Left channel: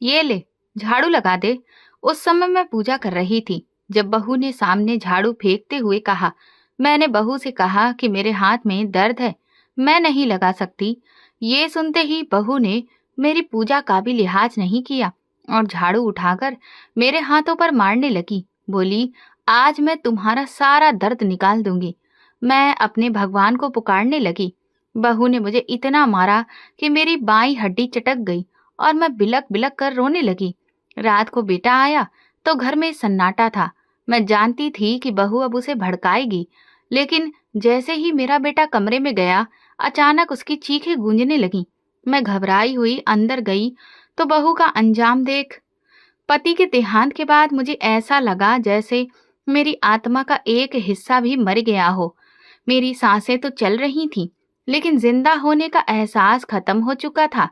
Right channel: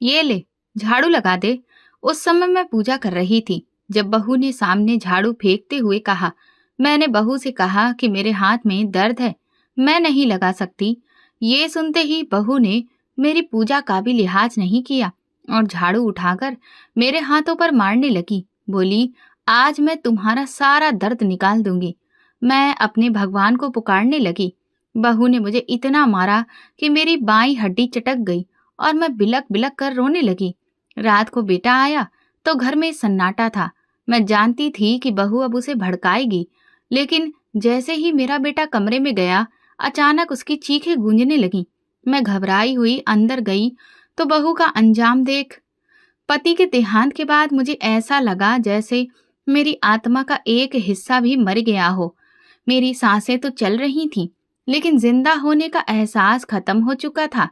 ये ले, झाड़ू लगा दे। उस समय मैं पूजा कर रही थी जब बहू ने सामने झाड़ू फेंकते हुए कहा। मैंने बहू से कहा कि मेरे हाथ में दर्द है, मैं नहीं लगा सकती। ये सुनते ही बहू ने मेरी पूजा का भी लिहाज नहीं किया और झाड़ू उठाकर मेरे हाथों पर मारने लगी। बोली, आज मैं तुम्हारा सारा दर्द निकाल दूंगी। मैं अपने भगवान को पुकारने लगी। बहू ने मुझे इतना मारा कि मेरी बाईं हड्डी चटक गई और मैं बिलक बिलक कर रोने लगी। रात को बेटा आया तो घर में सन्नाटा था। मैं जानती थी कि बहू अब उसे भड़काएगी, लेकिन जैसे ही मेरा बेटा कमरे में गया, अचानक उसकी चीखें गूंजने लगीं। मैं घबराई हुई अंदर गई तो बहू का अंजाम देख, पति के देहांत के बाद मुझे ऐसा लगा जैसे मेरी आत्मा का एक हिस्सा भी मर गया हो। मेरी सांसें तो चल रही थीं, लेकिन जिंदा होने का एहसास खत्म हो चुका था।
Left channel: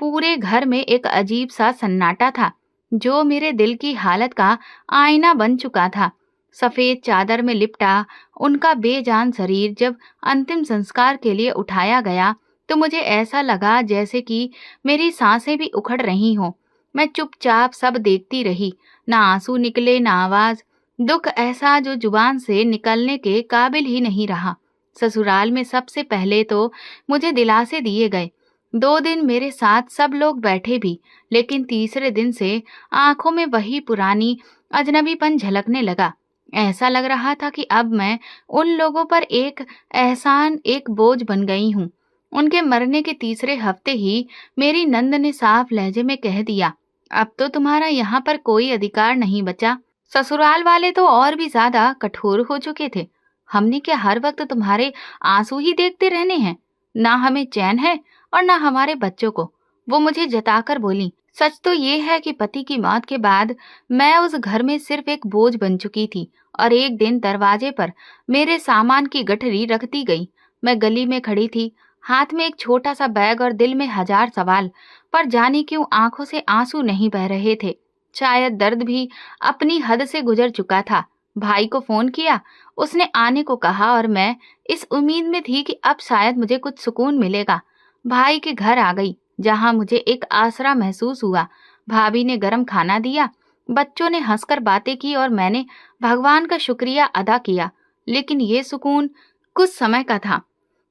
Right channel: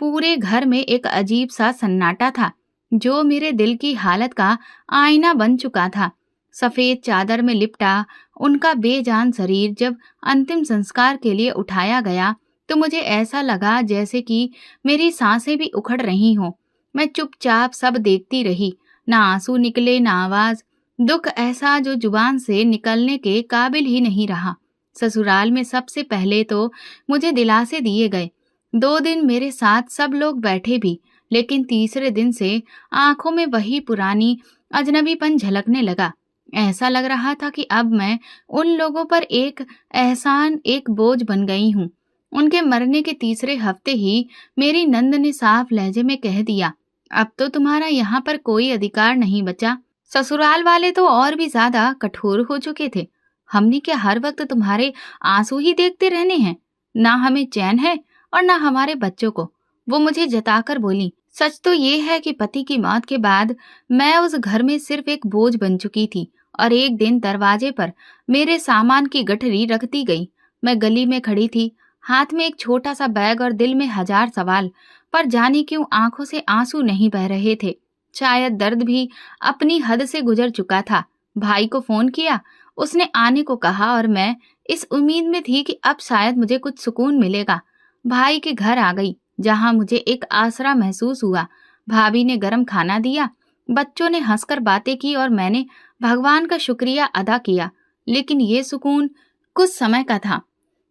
पूरे घर में एक अजीब सा सन्नाटा था, जो मेरे दिल की हालत का आईना बन चुका था। सफेद चादर में लिपटा उनका बेजान शरीर जब अंतिम संस्कार के लिए उठाया गया, तो मुझे ऐसा लगा जैसे कि मेरी सांसें भी उखड़ रही हों। मैं चुपचाप सब देखती रही, ना आंसू निकले ना आवाज। दुख ऐसा जो जुबान से निकलने के काबिल ही नहीं रहा। ससुराल में सबसे पहले तो मुझे दिलासे दिए गए। 2 दिन मेरे साथ सब लोग बैठे भी, लेकिन तीसरे दिन से आंखों में वही पुरानी अजनबीपन झलकने लगा। ऐसा लग रहा था कि अब मैं उन लोगों पर एक एहसान, एक बोझ बन गई हूँ। उनके मरने के तीसरे हफ्ते ही मेरी नंद ने साफ लहजे में कह दिया, अब तो तुम्हारा यहाँ पर कोई अधिकार नहीं बचा। ससुराल वाले तो और भी ज्यादा कठोर हो चुके थे। हमने क्या हर वक्त तुम्हारे आंसू ही देखते रहने हैं? ना हमें चैन है और ना हमारे बच्चों को। वो मुझे जताकर बोली। सच तो ये है कि पति की मौत के बाद मैं उस घर में सिर्फ एक बोझ बन चुकी थी और एक दिन दरवाजे पर मेरे सामान की गठरी रख दी गई। मैं गली में खड़ी थी, हाथ में एक छोटा सा बैग और दिल में हजार सवाल, पर जाने क्यों आंखों से आंसू नहीं बह रहे थे। शायद दर्द भी अपनी हद से गुजर चुका था। भाई को फोन किया, उसने आने को कहा और मैं इस उम्मीद में थी कि अब शायद मुझे कुछ सुकून मिलेगा। भाई के घर आ गई, जहां मुझे एक आसरा महसूस हुआ। भाभी ने गरम खाना दिया, बच्चों ने हंसकर बातें की और मैंने भगवान का शुक्रिया अदा किया। लेकिन ये सुकून कुछ समय का था।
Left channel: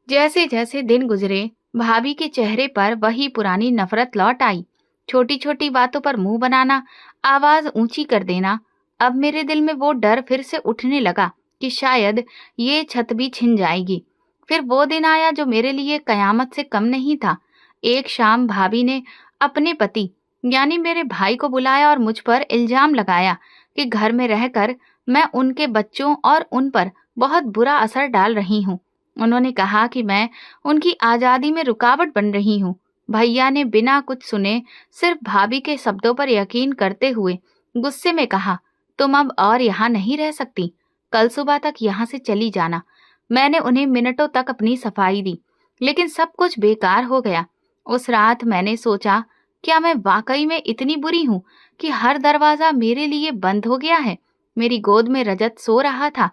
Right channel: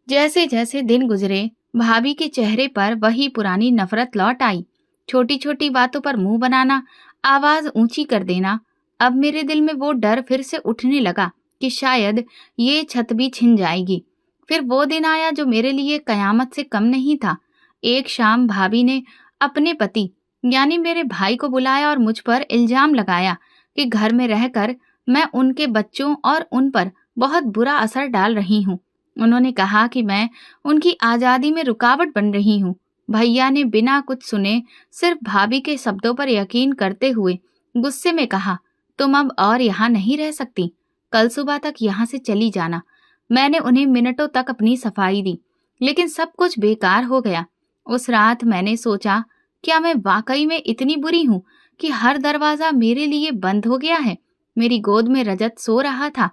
जैसे जैसे दिन गुजरे, भाभी के चेहरे पर वही पुरानी नफरत लौट आई। छोटी छोटी बातों पर मुंह बनाना, आवाज ऊंची कर देना। अब मेरे दिल में वो डर फिर से उठने लगा कि शायद ये छत भी छिन जाएगी। फिर वो दिन आया जो मेरे लिए कयामत से कम नहीं था। एक शाम भाभी ने अपने पति यानी मेरे भाई को बुलाया और मुझ पर इल्जाम लगाया कि घर में रहकर मैं उनके बच्चों और उन पर बहुत बुरा असर डाल रही हूँ। उन्होंने कहा कि मैं उनकी आजादी में रुकावट बन रही हूँ। भैया ने बिना कुछ सुने सिर्फ भाभी के शब्दों पर यकीन करते हुए गुस्से में कहा, तुम अब और यहाँ नहीं रह सकती, कल सुबह तक यहाँ से चली जाना। मैंने उन्हें मिनटों तक अपनी सफाई दी, लेकिन सब कुछ बेकार हो गया। उस रात मैंने सोचा, क्या मैं वाकई में इतनी बुरी हूँ कि हर दरवाजा मेरे लिए बंद हो गया है? मेरी गोद में रजत सो रहा था,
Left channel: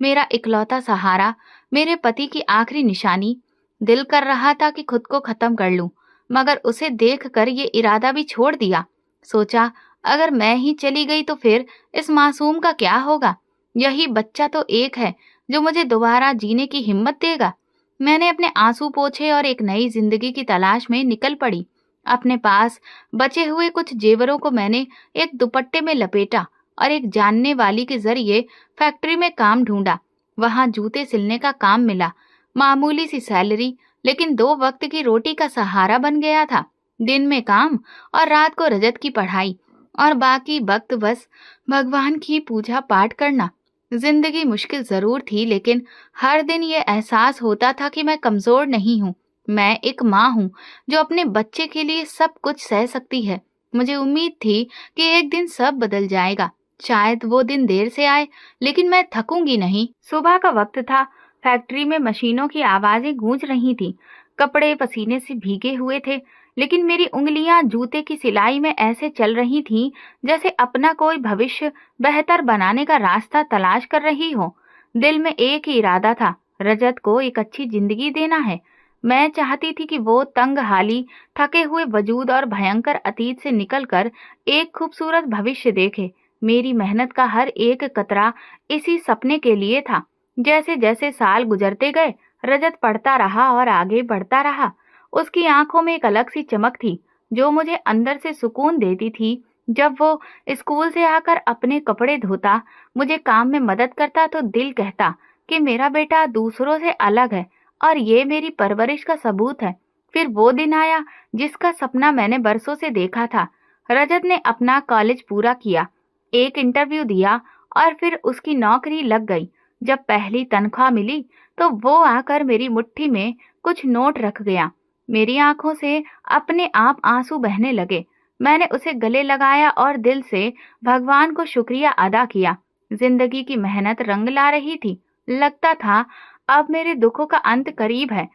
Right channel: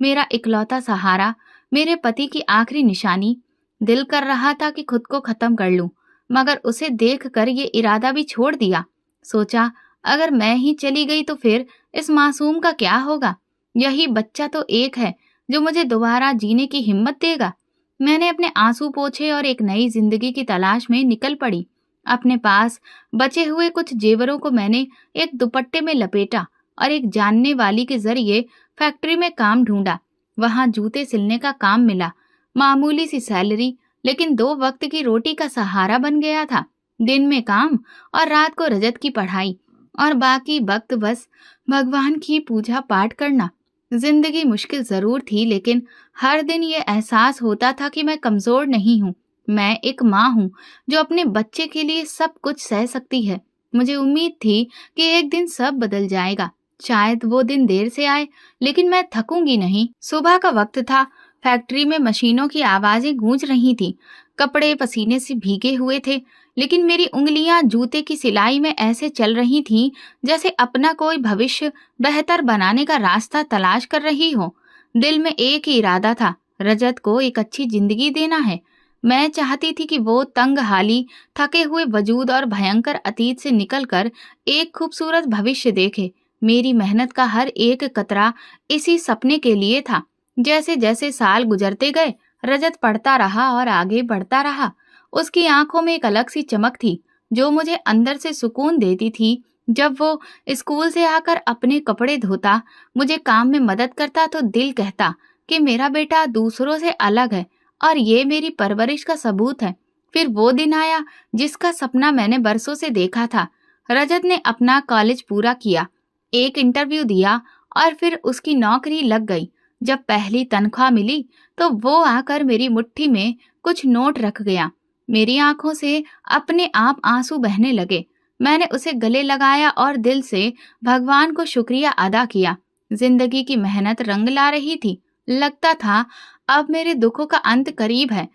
मेरा इकलौता सहारा, मेरे पति की आखिरी निशानी। दिल कर रहा था कि खुद को खत्म कर लूं, मगर उसे देखकर ये इरादा भी छोड़ दिया। सोचा, अगर मैं ही चली गई तो फिर इस मासूम का क्या होगा? यही बच्चा तो एक है जो मुझे दोबारा जीने की हिम्मत देगा। मैंने अपने आंसू पोंछे और एक नई जिंदगी की तलाश में निकल पड़ी। अपने पास बचे हुए कुछ जेवरों को मैंने एक दुपट्टे में लपेटा और एक जानने वाली के जरिए फैक्ट्री में काम ढूंढा। वहां जूते सिलने का काम मिला। मामूली सी सैलरी, लेकिन 2 वक्त की रोटी का सहारा बन गया था। दिन में काम और रात को रजत की पढ़ाई, और बाकी वक्त बस भगवान की पूजा पाठ करना। जिंदगी मुश्किल जरूर थी, लेकिन हर दिन ये एहसास होता था कि मैं कमजोर नहीं हूँ। मैं एक माँ हूँ जो अपने बच्चे के लिए सब कुछ सह सकती है। मुझे उम्मीद थी कि एक दिन सब बदल जाएगा। शायद वो दिन देर से आए, लेकिन मैं थकूंगी नहीं। सुबह का वक्त था। फैक्ट्री में मशीनों की आवाजें गूंज रही थीं। कपड़े पसीने से भीगे हुए थे, लेकिन मेरी उंगलियां जूते की सिलाई में ऐसे चल रही थीं जैसे अपना कोई भविष्य बेहतर बनाने का रास्ता तलाश कर रही हो। दिल में एक ही इरादा था, रजत को एक अच्छी जिंदगी देना है। मैं चाहती थी कि वो तंग हाली, थके हुए वजूद और भयंकर अतीत से निकलकर एक खूबसूरत भविष्य देखे। मेरी मेहनत का हर एक कतरा इसी सपने के लिए था। जैसे जैसे साल गुजरते गए, रजत पढ़ता रहा और आगे बढ़ता रहा। उसकी आंखों में एक अलग सी चमक थी, जो मुझे अंदर से सुकून देती थी। जब वो स्कूल से आकर अपने कपड़े धोता, मुझे काम में मदद करता, तो दिल कहता कि मेरा बेटा दूसरों से अलग है और ये मेरी परवरिश का सबूत है। फिर वो दिन आया जिसका सपना मैंने बरसों से देखा था। रजत ने अपना कॉलेज पूरा किया, एक इंटरव्यू दिया और फिर उसकी नौकरी लग गई। जब पहली तनख्वाह मिली तो वो आकर मेरी मुट्ठी में कुछ नोट रख गया। मेरी आंखों से अपने आप आंसू बहने लगे। मैंने उसे गले लगाया और दिल से भगवान को शुक्रिया अदा किया। जिंदगी की मेहनत रंग ला रही थी। लगता था अब मेरे दुखों का अंत करीब है।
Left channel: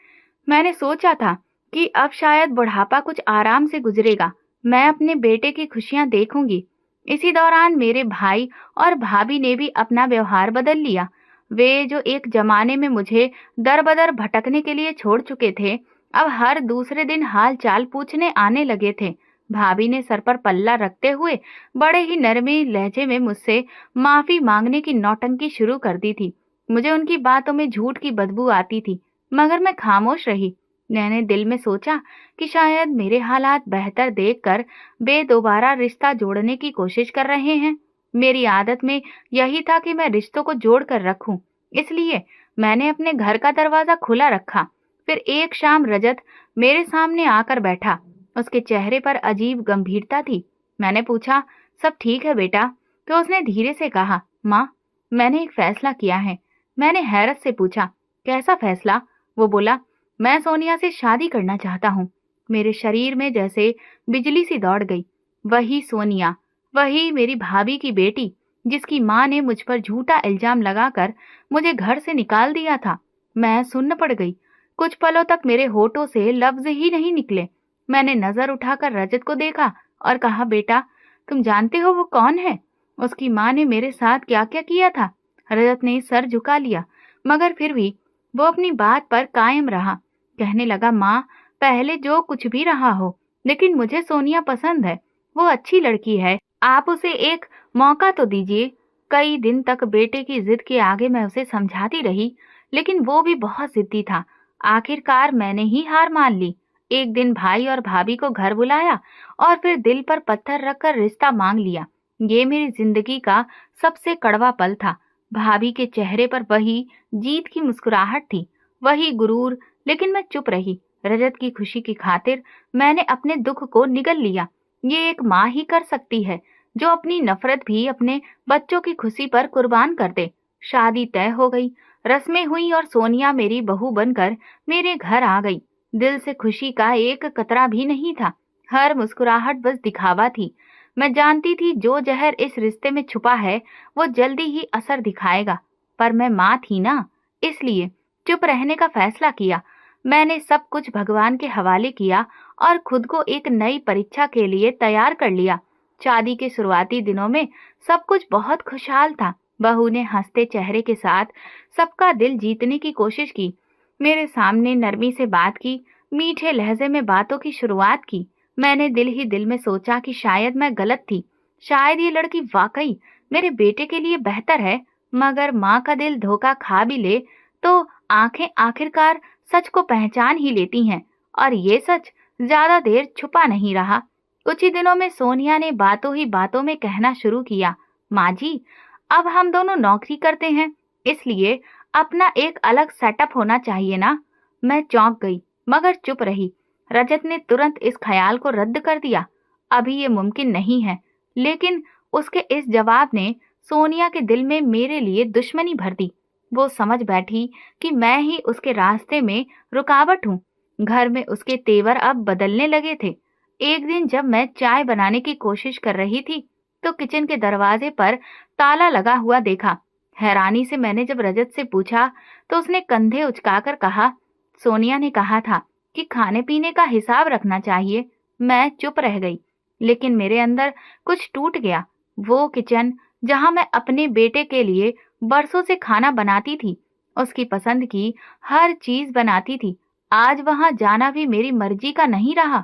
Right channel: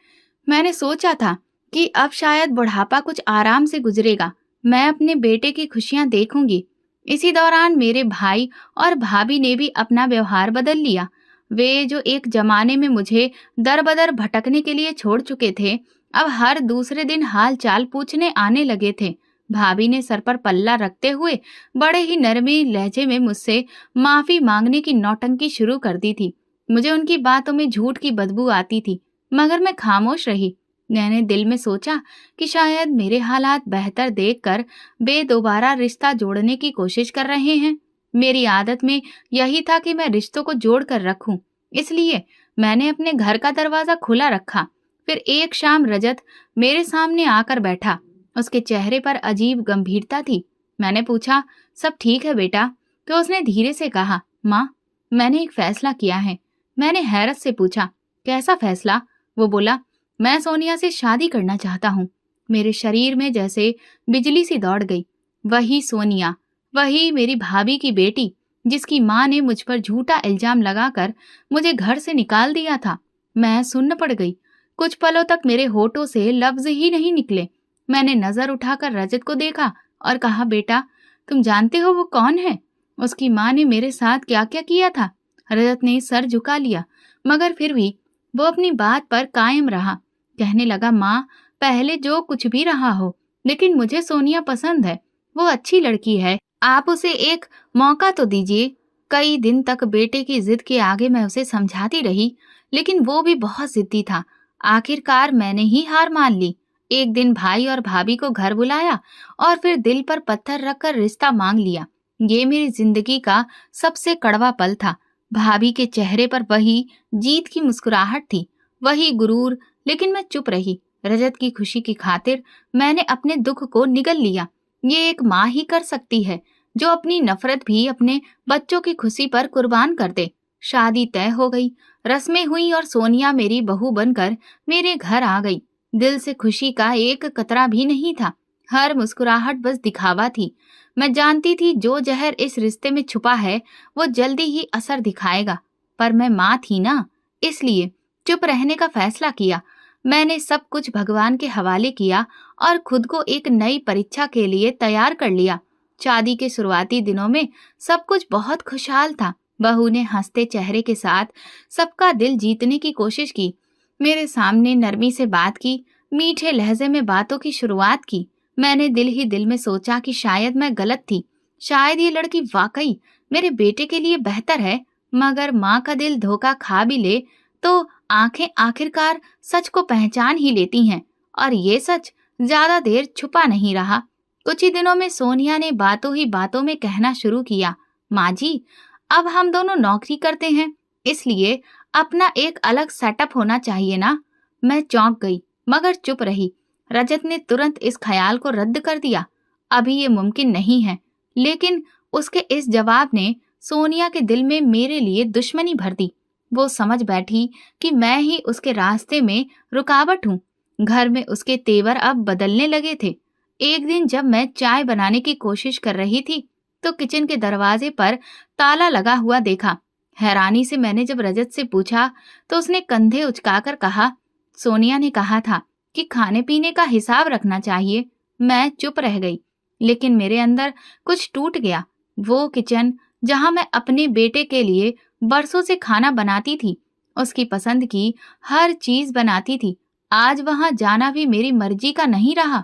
मैंने सोचा था कि अब शायद बुढ़ापा कुछ आराम से गुजरेगा, मैं अपने बेटे की खुशियां देखूंगी। इसी दौरान मेरे भाई और भाभी ने भी अपना व्यवहार बदल लिया। वे जो एक जमाने में मुझे दर बदर भटकने के लिए छोड़ चुके थे, अब हर दूसरे दिन हाल चाल पूछने आने लगे थे। भाभी ने सर पर पल्ला रखते हुए बड़े ही नरमी लहजे में मुझसे माफी मांगने की नौटंकी शुरू कर दी थी। मुझे उनकी बातों में झूठ की बदबू आती थी, मगर मैं खामोश रही। मैंने दिल में सोचा कि शायद मेरे हालात बेहतर देखकर वे दोबारा रिश्ता जोड़ने की कोशिश कर रहे हैं। मेरी आदत में यही था कि मैं रिश्तों को जोड़ कर रखूं, इसलिए मैंने अपने घर का दरवाजा खुला रखा। फिर एक शाम रजत मेरे सामने आकर बैठा। उसके चेहरे पर अजीब गंभीरता थी। मैंने पूछा, सब ठीक है बेटा? तो उसने धीरे से कहा, माँ, मैंने एक फैसला किया है। मैंने हैरत से पूछा, कैसा फैसला? वो बोला, मैं सोनिया से शादी करना चाहता हूँ। मेरे शरीर में जैसे बिजली सी दौड़ गई। वही सोनिया, वही मेरी भाभी की बेटी, जिसकी माँ ने मुझ पर झूठा इल्जाम लगाकर मुझे घर से निकाल दिया था। मैं सुन्न पड़ गई। कुछ पलों तक मेरे होठों से लफ्ज ही नहीं निकले। मैंने नजर उठाकर रजत को देखा और कहा, बेटा, तुम जानते हो वो कौन है? उसकी माँ ने मेरे साथ क्या क्या किया था? रजत ने सर झुका लिया, मगर फिर भी वो अपनी बात पर कायम रहा। कहने लगा, माँ, पहले जो कुछ भी रहा हो, लेकिन मुझे सोनिया पसंद है। वो अच्छी लड़की है, आप उसे एक मौका तो दीजिए। कई दिन तक बेटे की जिद के आगे मैं उसे समझाती रही, लेकिन वो भी बहुत जिद्दी था। आखिरकार मैंने ही हार मान ली। एक दिन भाई और भाभी को घर बुलाया और फिर दिल पर पत्थर रखकर रिश्ता मांग लिया। ये मेरी जिंदगी का सबसे कड़वा पल था। भाभी के चेहरे पर वही जीत की मुस्कुराहट थी, वही गुरूर, लेकिन मैं चुप रही। रजत की खुशी की खातिर मैंने अपने दुख को निगल लिया। ये एक माँ ही कर सकती है, जो अपनी नफरत भी अपने बच्चों की खुशी पर कुर्बान कर दे। शादी तय हो गई, रस्में हुई और सोनिया मेरी बहू बनकर मेरे घर आ गई। दिल से खुशी का एक कतरा भी नहीं था। हर मुस्कुराहट बस दिखावा थी। मैं जानती थी जो जहर इस रिश्ते में छुपा है, वो जल्दी ही असर दिखाएगा। पर मैं माँ थी ना, इसलिए चुप रहने का फैसला किया। मैंने सब कुछ भगवान के हवाले किया और खुद को एक नई परीक्षा के लिए तैयार कर लिया। शादी के शुरुआती दिनों में सब कुछ बहुत खुशहाल था। बहू ने हंसते चेहरे के साथ सबका दिल जीतने की कोशिश की। मेरे सामने नरमी से बात की, मीठे लहजे में बातों की शुरुआत की। मैंने दिल ही दिल में सोचा कि शायद मैं गलत थी। शायद ये लड़की वाकई मेरे बेटे के लिए बेहतर है। मगर माँ का दिल धोखा खा भी ले तो आंखें आखिरकार सच को पहचान ही लेती हैं। और ये सच ज्यादा देर छुपा नहीं रहा। कुछ ही दिनों में सोनिया ने बातों ही बातों में कहना शुरू किया, माँ जी, अब हम दोनों नौकरी करते हैं, इसलिए अपना एक अलग सेटअप होना चाहिए ना। मैं चौंक गई, मगर चुप रही। रजत ने तुरंत इस ख्याल को रद्द कर दिया, अभी ये मुमकिन नहीं है। लेकिन उसके इस जवाब ने सोनिया के दिल में मेरे लिए दुश्मनी भर दी। वो समझ बैठी कि मैं ही उसके रास्ते में रुकावट हूँ। घर में उसके तेवर अब बदलने लगे थे। एक दिन जब मैं चाय बनाने की कोशिश कर रही थी, तो किचन के दरवाजे पर ताला लगा हुआ देखा। हैरानी से मैंने जब रजत से पूछा, तो उसने कंधे उचकाकर कहा, सोनिया ने कहा था कि खाने पीने का हिसाब रखना चाहिए। मैं चुप रह गई, लेकिन मेरे अंदर कुछ टूट गया। वो किचन जहां मैं अपने बेटे के लिए बरसों से खाना बनाती थी, उसकी पसंद की हर चीज बनाती थी, आज वहां जाना भी मेरी मर्जी का नहीं रहा।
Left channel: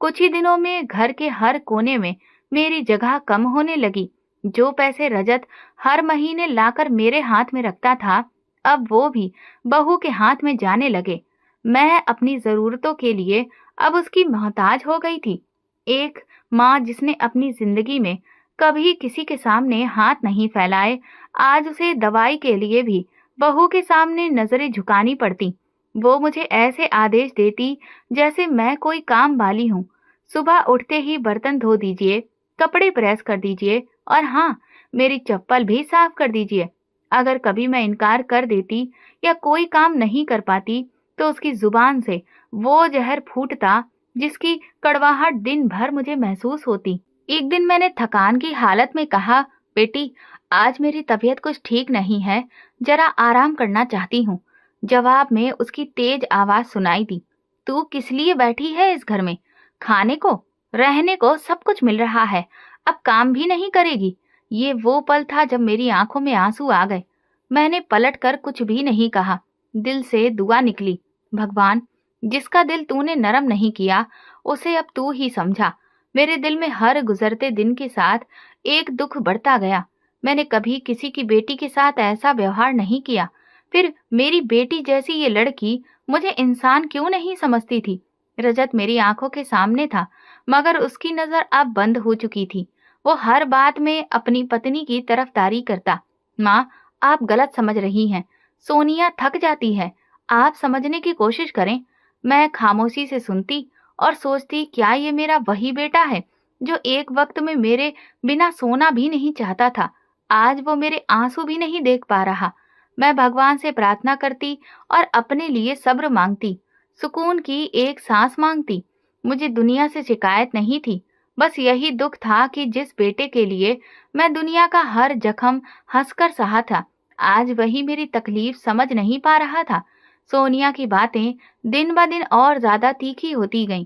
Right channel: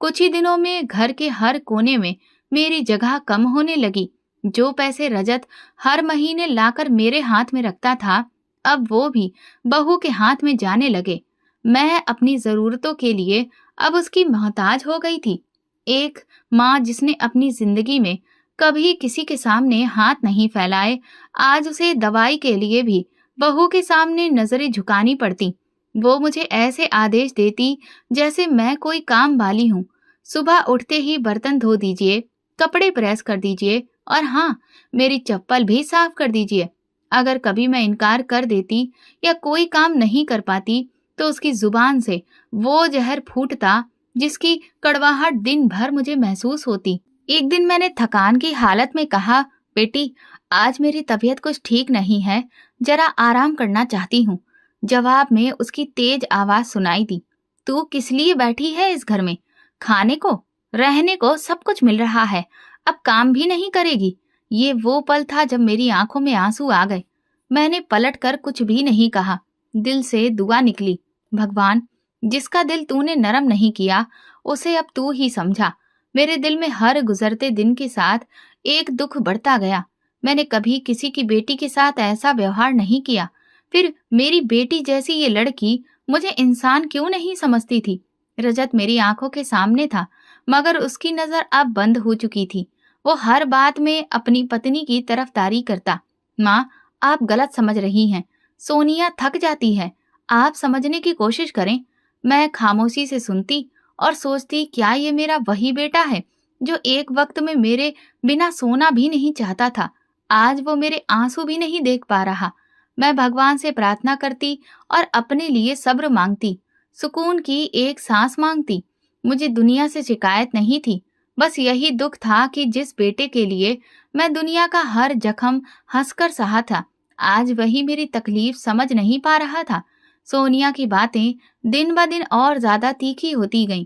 कुछ ही दिनों में घर के हर कोने में मेरी जगह कम होने लगी। जो पैसे रजत हर महीने लाकर मेरे हाथ में रखता था, अब वो भी बहू के हाथ में जाने लगे। मैं अपनी जरूरतों के लिए अब उसकी मोहताज हो गई थी। एक माँ जिसने अपनी जिंदगी में कभी किसी के सामने हाथ नहीं फैलाए, आज उसे दवाई के लिए भी बहू के सामने नजरें झुकानी पड़ती। वो मुझे ऐसे आदेश देती जैसे मैं कोई काम वाली हूँ। सुबह उठते ही बर्तन धो दीजिए, कपड़े प्रेस कर दीजिए और हाँ, मेरी चप्पल भी साफ कर दीजिए। अगर कभी मैं इनकार कर देती या कोई काम नहीं कर पाती, तो उसकी जुबान से वो जहर फूटता जिसकी कड़वाहट दिन भर मुझे महसूस होती। एक दिन मैंने थकान की हालत में कहा, बेटी, आज मेरी तबीयत कुछ ठीक नहीं है, जरा आराम करना चाहती हूँ। जवाब में उसकी तेज आवाज सुनाई दी, तू किस लिए बैठी है इस घर में? खाने को, रहने को सब कुछ मिल रहा है, अब काम भी नहीं करेगी? ये वो पल था जब मेरी आंखों में आंसू आ गए। मैंने पलट कर कुछ भी नहीं कहा। दिल से दुआ निकली, भगवान, जिसका दिल तूने नरम नहीं किया, उसे अब तू ही समझा। मेरे दिल में हर गुजरते दिन के साथ एक दुख बढ़ता गया। मैंने कभी किसी की बेटी के साथ ऐसा व्यवहार नहीं किया। फिर मेरी बेटी जैसी ये लड़की मुझे इंसान क्यों नहीं समझती थी? रजत मेरी आंखों के सामने था, मगर उसकी नजर अब बंद हो चुकी थी। वो हर बात में अपनी पत्नी की तरफदारी करता। माँ, आप गलत समझ रही हैं। सोनिया थक जाती है, आप समझने की कोशिश करें। मैं खामोशी से सुनती और सोचती, क्या ये मेरा वही बेटा है जो एक वक्त में मेरे बिना सोना भी नहीं चाहता था? आज वो मेरे आंसू भी नहीं देख पा रहा। मैं भगवान से प्रार्थना करती और अपने लिए सब्र मांगती, सुकून की एक सांस मांगती। मुझे दुनिया से शिकायत नहीं थी, बस यही दुख था कि जिस बेटे के लिए मैं दुनिया का हर जख्म हंसकर सहा था, आज वही मेरी तकलीफ समझ नहीं पा रहा था। सोनिया की बातें दिन ब दिन और ज्यादा तीखी होती गईं।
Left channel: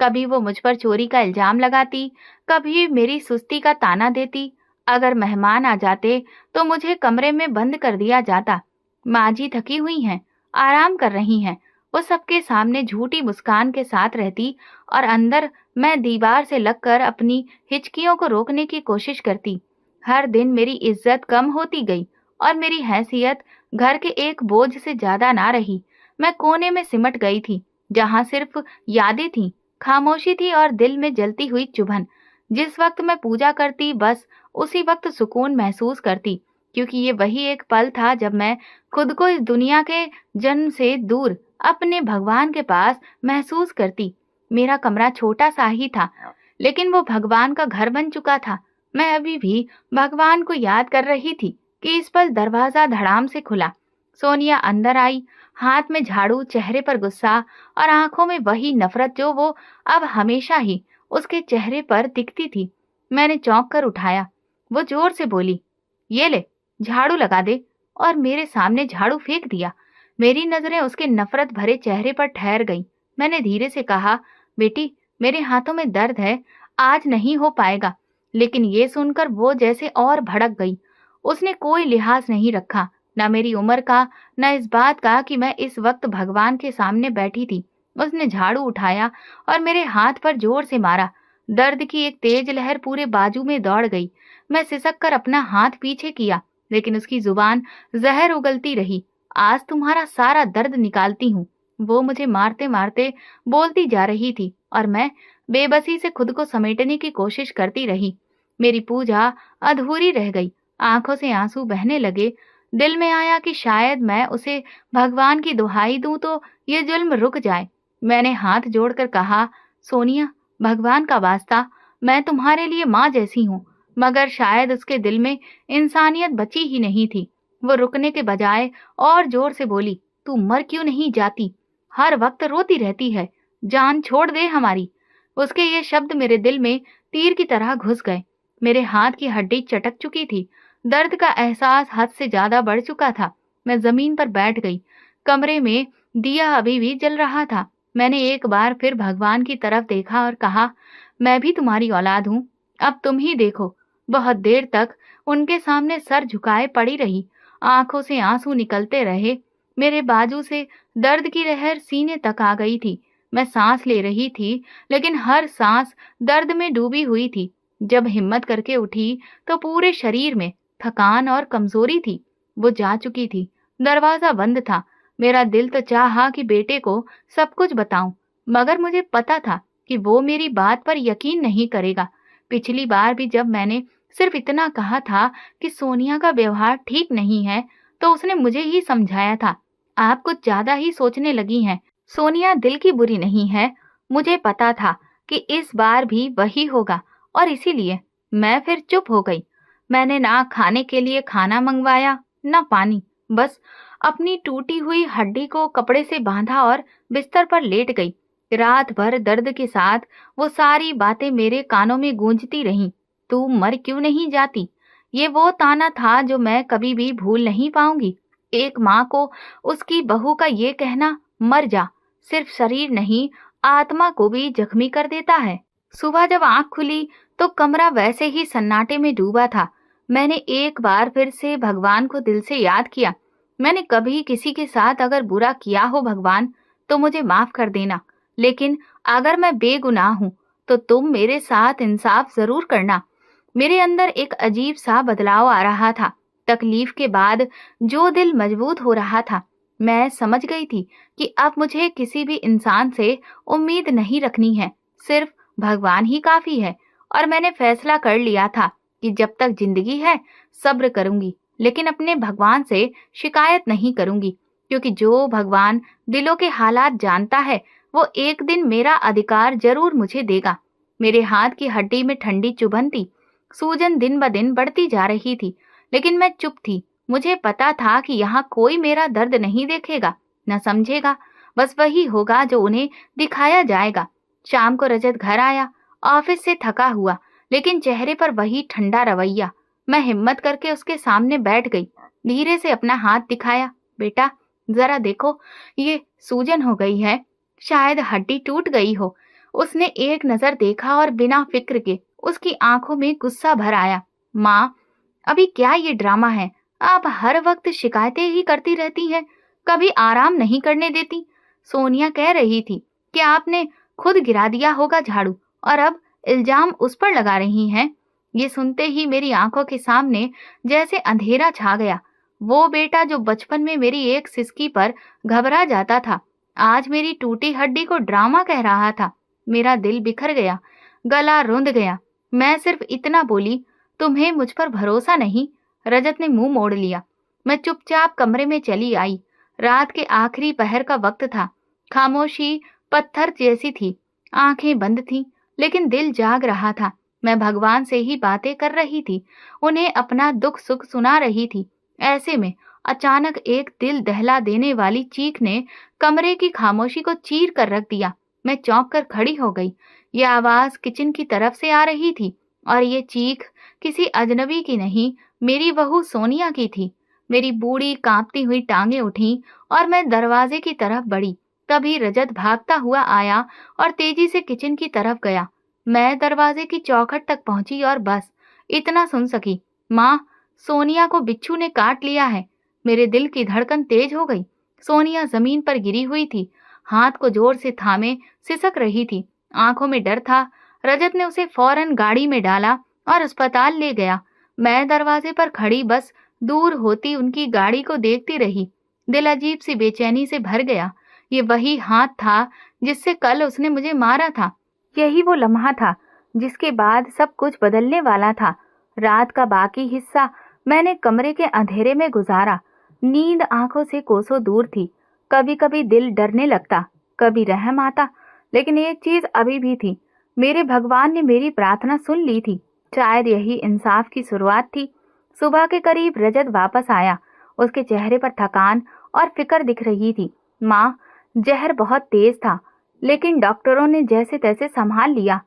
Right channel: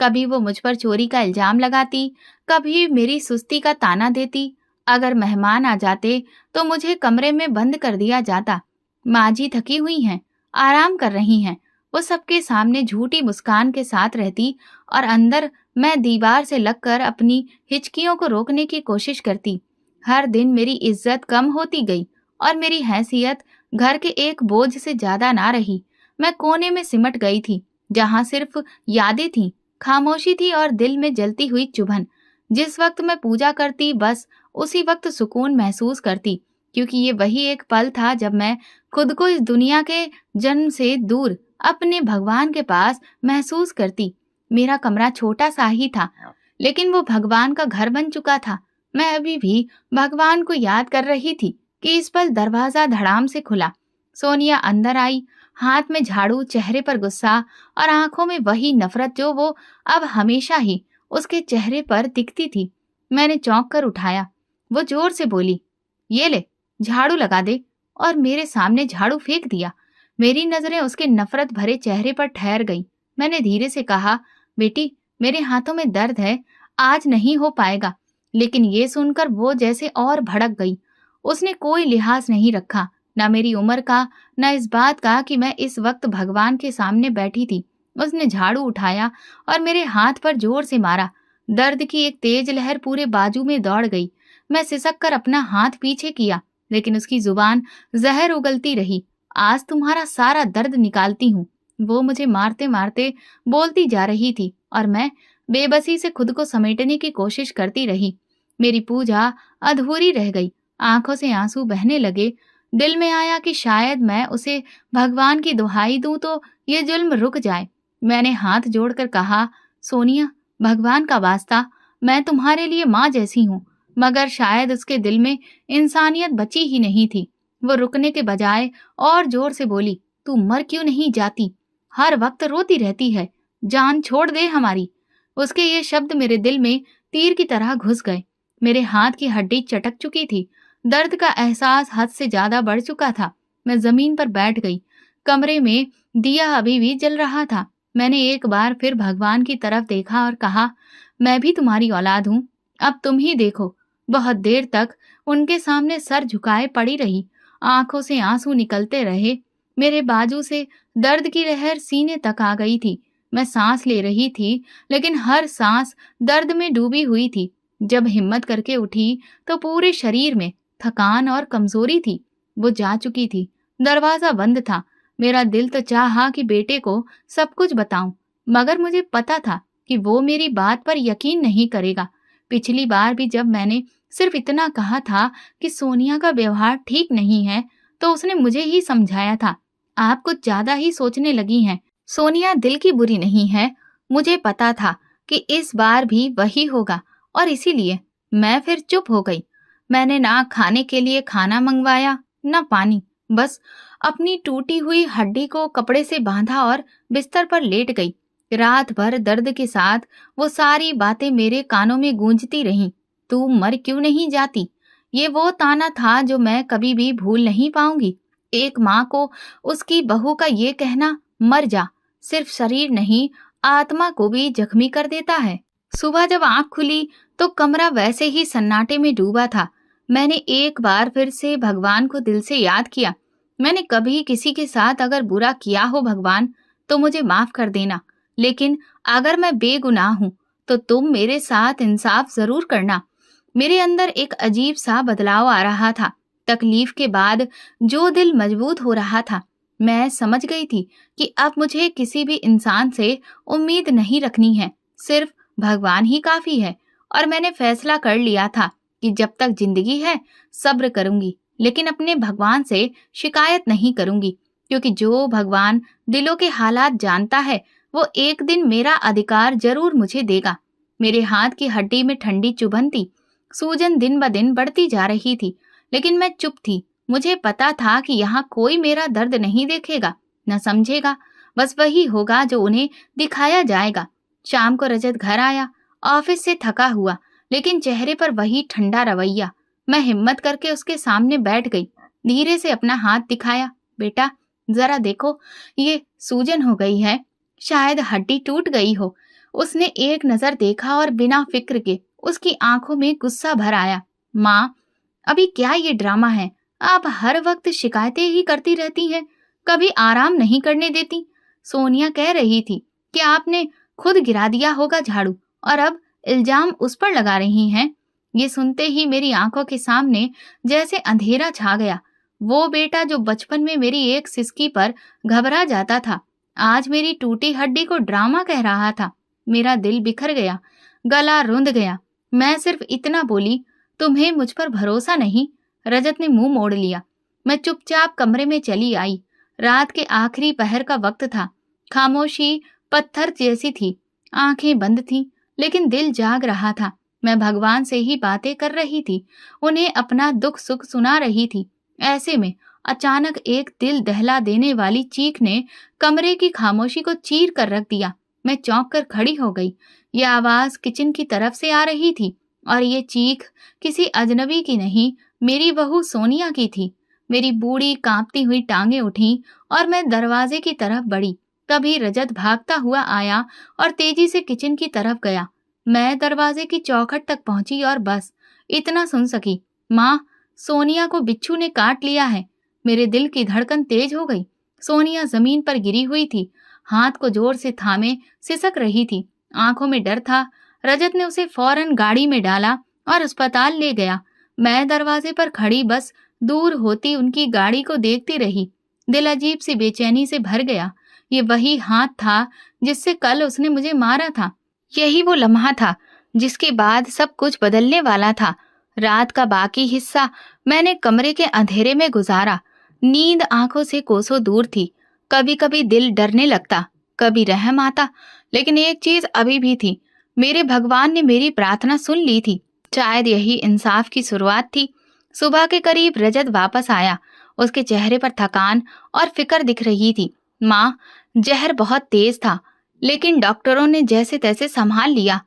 कभी वो मुझ पर चोरी का इल्जाम लगाती, कभी मेरी सुस्ती का ताना देती। अगर मेहमान आ जाते तो मुझे कमरे में बंद कर दिया जाता। माँ जी थकी हुई हैं, आराम कर रही हैं, वो सबके सामने झूठी मुस्कान के साथ रहती और अंदर मैं दीवार से लगकर अपनी हिचकियों को रोकने की कोशिश करती। हर दिन मेरी इज्जत कम होती गई और मेरी हैसियत घर के एक बोझ से ज्यादा ना रही। मैं कोने में सिमट गई थी, जहां सिर्फ यादें थीं, खामोशी थी और दिल में जलती हुई चुभन। जिस वक्त मैं पूजा करती, बस उसी वक्त सुकून महसूस करती, क्योंकि ये वही एक पल था जब मैं खुद को इस दुनिया के जन्म से दूर अपने भगवान के पास महसूस करती। मेरा कमरा छोटा सा ही था, लेकिन वो भगवान का घर बन चुका था। मैं अभी भी भगवान को याद कर रही थी कि इस पल दरवाजा धड़ाम से खुला। सोनिया अंदर आई, हाथ में झाड़ू, चेहरे पर गुस्सा और आंखों में वही नफरत जो वो अब हमेशा ही उसके चेहरे पर दिखती थी। मैंने चौंक कर उठाया। वो जोर से बोली, ये ले, झाड़ू लगा दे, और मेरे सामने झाड़ू फेंक दिया। मेरी नजरें उसके नफरत भरे चेहरे पर ठहर गईं। मैंने धीरे से कहा, बेटी, मेरे हाथों में दर्द है, आज नहीं हो पाएगा। लेकिन ये सुनकर वो जैसे और भड़क गई। उसने कोई लिहाज नहीं रखा, न मेरी उम्र का, न इस बात का कि मैं इस वक्त भगवान के सामने बैठी थी। उसने झाड़ू उठाया और मेरे हाथ पर जोर से मारा। दर्द की एक तेज लहर पूरे बाजू में दौड़ गई। मैं सिसक कर अपना हाथ पीछे किया, लेकिन उसकी जुबान जहर उगलती रही। आज तुम्हारा सारा दर्द निकालती हूँ, वो मुझे मारते मारते बोलती जा रही थी और मैं बेबसी से खुद को समेटने की कोशिश करती रही। मेरी पूजा अधूरी रह गई। आंखों से आंसू बहने लगे। दिल में आया कि शायद मैं उसे भगवान की दुहाई दूं तो ये जुल्म रुक जाए। मैंने हाथ जोड़कर कहा, सोनिया, भगवान का वास्ता, मैं तुम्हारे लिए माँ जैसी हूँ। मगर शायद उसके दिल में इंसानियत बची ही नहीं थी। वो रुकने के बजाय और जोर से बोली, तू मर क्यों नहीं जाती? हर वक्त रोती रहती है, जान छोड़ दे हमारी। उसके ये शब्द मेरे दिल में तीर की तरह घुस गए। मेरे हाथ की हड्डी चटक चुकी थी। दर्द का एहसास हद से ज्यादा बढ़ चुका था। मैं जमीन पर बैठ गई। कमरे में दिया अभी भी जल रहा था। मैंने एक बार फिर भगवान की तरफ देखा और कहा, मैं भी तुम्हारी औलाद हूँ, अब तुम ही देखो। बहुत देर तक उनके सामने सर झुकाए पड़ी रही, आंखों से आंसू निकलते रहे। मेरे बाजू से दर्द की लहर सीने तक आ गई थी। मैं सांस ले रही थी, लेकिन हर सांस दर्द में डूबी हुई थी। जब हिम्मत करके उठी तो पूरे शरीर में थकान और कमजोरी थी। वो जा चुकी थी। दरवाजा बंद था। मेरा दिल तो चाहा कि बेटे को सब कुछ बताऊं, मगर मुझे पता था कि वो मेरी बात पर यकीन नहीं करेगा। पिछली बार भी जब मैंने सिर्फ इतना कहा था कि सोनिया का व्यवहार ठीक नहीं है, तो उसने मुझे ही समझाया था, आप कुछ ज्यादा ही सोचने लगी हैं। सोनिया दिल की बुरी नहीं है। मुझे पता था कि इस बार भी वही होगा, और इसीलिए मैं फिर चुप हो गई। मैंने ना खाने के लिए खाना मंगवाया, ना पानी। बस अपनी टूटी हुई हड्डी को कपड़े से बांधा और बिस्तर पर लेट गई। रात भर दर्द के साथ वो सारी बातें मेरे कानों में गूंजती रहीं। तू मर क्यों नहीं जाती? ये वो ताना था जो मैं कभी भी भूल नहीं पाऊंगी। एक माँ को उसकी बहू का ये कहना, मर जा, सिर्फ शरीर नहीं, आत्मा को भी जख्मी कर देता है। सुबह जब आंख खुली तो कमरा वैसे ही सन्नाटे में डूबा था। मैंने एक बार फिर से भगवान को दिल से याद किया। मैंने कभी किसी के साथ अगर बुरा किया हो भगवान, तो मुझे माफ कर देना। लेकिन अगर मैं बेगुनाह हूं, तो तुम मेरे साथ इंसाफ जरूर करना। मेरे अंदर एक अजीब सा बदलाव आ रहा था। तकलीफ के बाद जो दिल मजबूत हो रहा था। मैं समझ गई थी कि अब मुझे किसी भी इंसान से उम्मीद नहीं रखनी है। सिर्फ भगवान ही काफी है। और मैंने फैसला कर लिया था कि जब तक जिंदगी है सब्र करूंगी, लेकिन अपने भगवान से शिकायत नहीं करूंगी, क्योंकि जो भगवान दिलों के हालात जानता है, वो एक दिन मेरा अधिकार जरूर मुझे देगा। मेरे हाथ की हड्डी में ठंडी चुभन थी। सूजन दिन ब दिन बढ़ती जा रही थी, लेकिन मैं चुप थी। मुझे पता था कि यहाँ कोई मेरा दर्द नहीं देखेगा, न समझेगा। बस वही होगा जो उन्हें दिखाया जाएगा। शाम को रजत घर आया, ऑफिस से थका हुआ, लेकिन चेहरे पर वही ठंडा रवैया। मैं हिम्मत करके उसके सामने बैठ गई। धीरे से अपना हाथ दिखाया। बेटा, जरा देखो, ये सूजन हो गई है, शायद हड्डी टूट गई हो। उसने एक नजर देखा और बिना फिक्र के उसकी आंखों में गुस्सा भर आया। माँ, अभी क्या ये ड्रामा है? आप हर वक्त शिकायतें ही करती रहती हैं, कभी आराम नहीं करने देती। सोनिया कह रही थी कि आपने खुद गिरा दिया होगा झाड़ू, और अब इल्जाम उस पर लगा रही हैं। ये सुनते ही मेरी आंखों के सामने जैसे अंधेरा छा गया। वो बेटा जो बचपन में मेरी एक सिसकी पर घबरा जाता था, आज मेरी टूटी हड्डी को ड्रामा कह रहा था। मेरा दिल बिखर गया, गला रुंध गया। मैं सिर्फ इतना बोली, तुम्हें मुझ पर भरोसा नहीं? रजत ने मुंह मोड़ लिया। मैं चुपचाप कमरे में चली आई। रात के आखिरी पहर का वक्त था। खामोशी पत्थर जैसी थी। आंखें बंद थीं, लेकिन दिल जाग रहा था। मैं भगवान से ही बातें कर रही थी, उन्हें अपना दुख सुख सुना रही थी। ऐसे में अचानक एक दिल दहला देने वाली चीख ने कमरे की खामोशी को चीर कर रख दिया। मैं चौंक कर खड़ी हो गई। यह आवाज किचन की तरफ से आ रही थी, और ये चीख किसी अजनबी की नहीं, मेरी बहू सोनिया की थी। मेरी बूढ़ी कांपती हुई टांगें उठी और मैं दरवाजे की तरफ बढ़ी। तभी रजत भागता हुआ आया और तेजी से किचन की तरफ गया। मैं दरवाजे की चौखट तक पहुंची और बस इतना सुन सकी, माँ, सोनिया को बिच्छू ने काट लिया है। मेरे दिल की धड़कन तेज हो गई। सोनिया जमीन पर गिरी हुई थी, हाथ को जोर से थामे सिसक रही थी। आंखों में डर था। रजत ने उसे फौरन गाड़ी में डाला और अस्पताल ले गया। मैं दरवाजे पर खड़ी बस दूर होती उनकी गाड़ी को देखती रही। दिल अजीब सी बेचैनी से भर गया। ये वही हाथ था जिससे कल उसने मुझे मारा था। यही वो लम्हा था जिसके बाद सब कुछ बदलने वाला था। रात का बाकी हिस्सा मैंने कमरे के अंधेरे में गुजारा। नींद आंखों से कोसों दूर थी। कभी कभी दिल डरने लगता, कभी रहम आता, लेकिन एक चीज अभी भी थी, मेरे भगवान ने मेरी प्रार्थना सुन ली थी। शायद यही इंसाफ की शुरुआत थी। सुबह के करीब रजत वापस आया। उसके चेहरे पर थकान और फिक्र दिख रही थी। माँ, जहर बहुत तेज था, लेकिन डॉक्टरों ने जैसे तैसे संभाल लिया।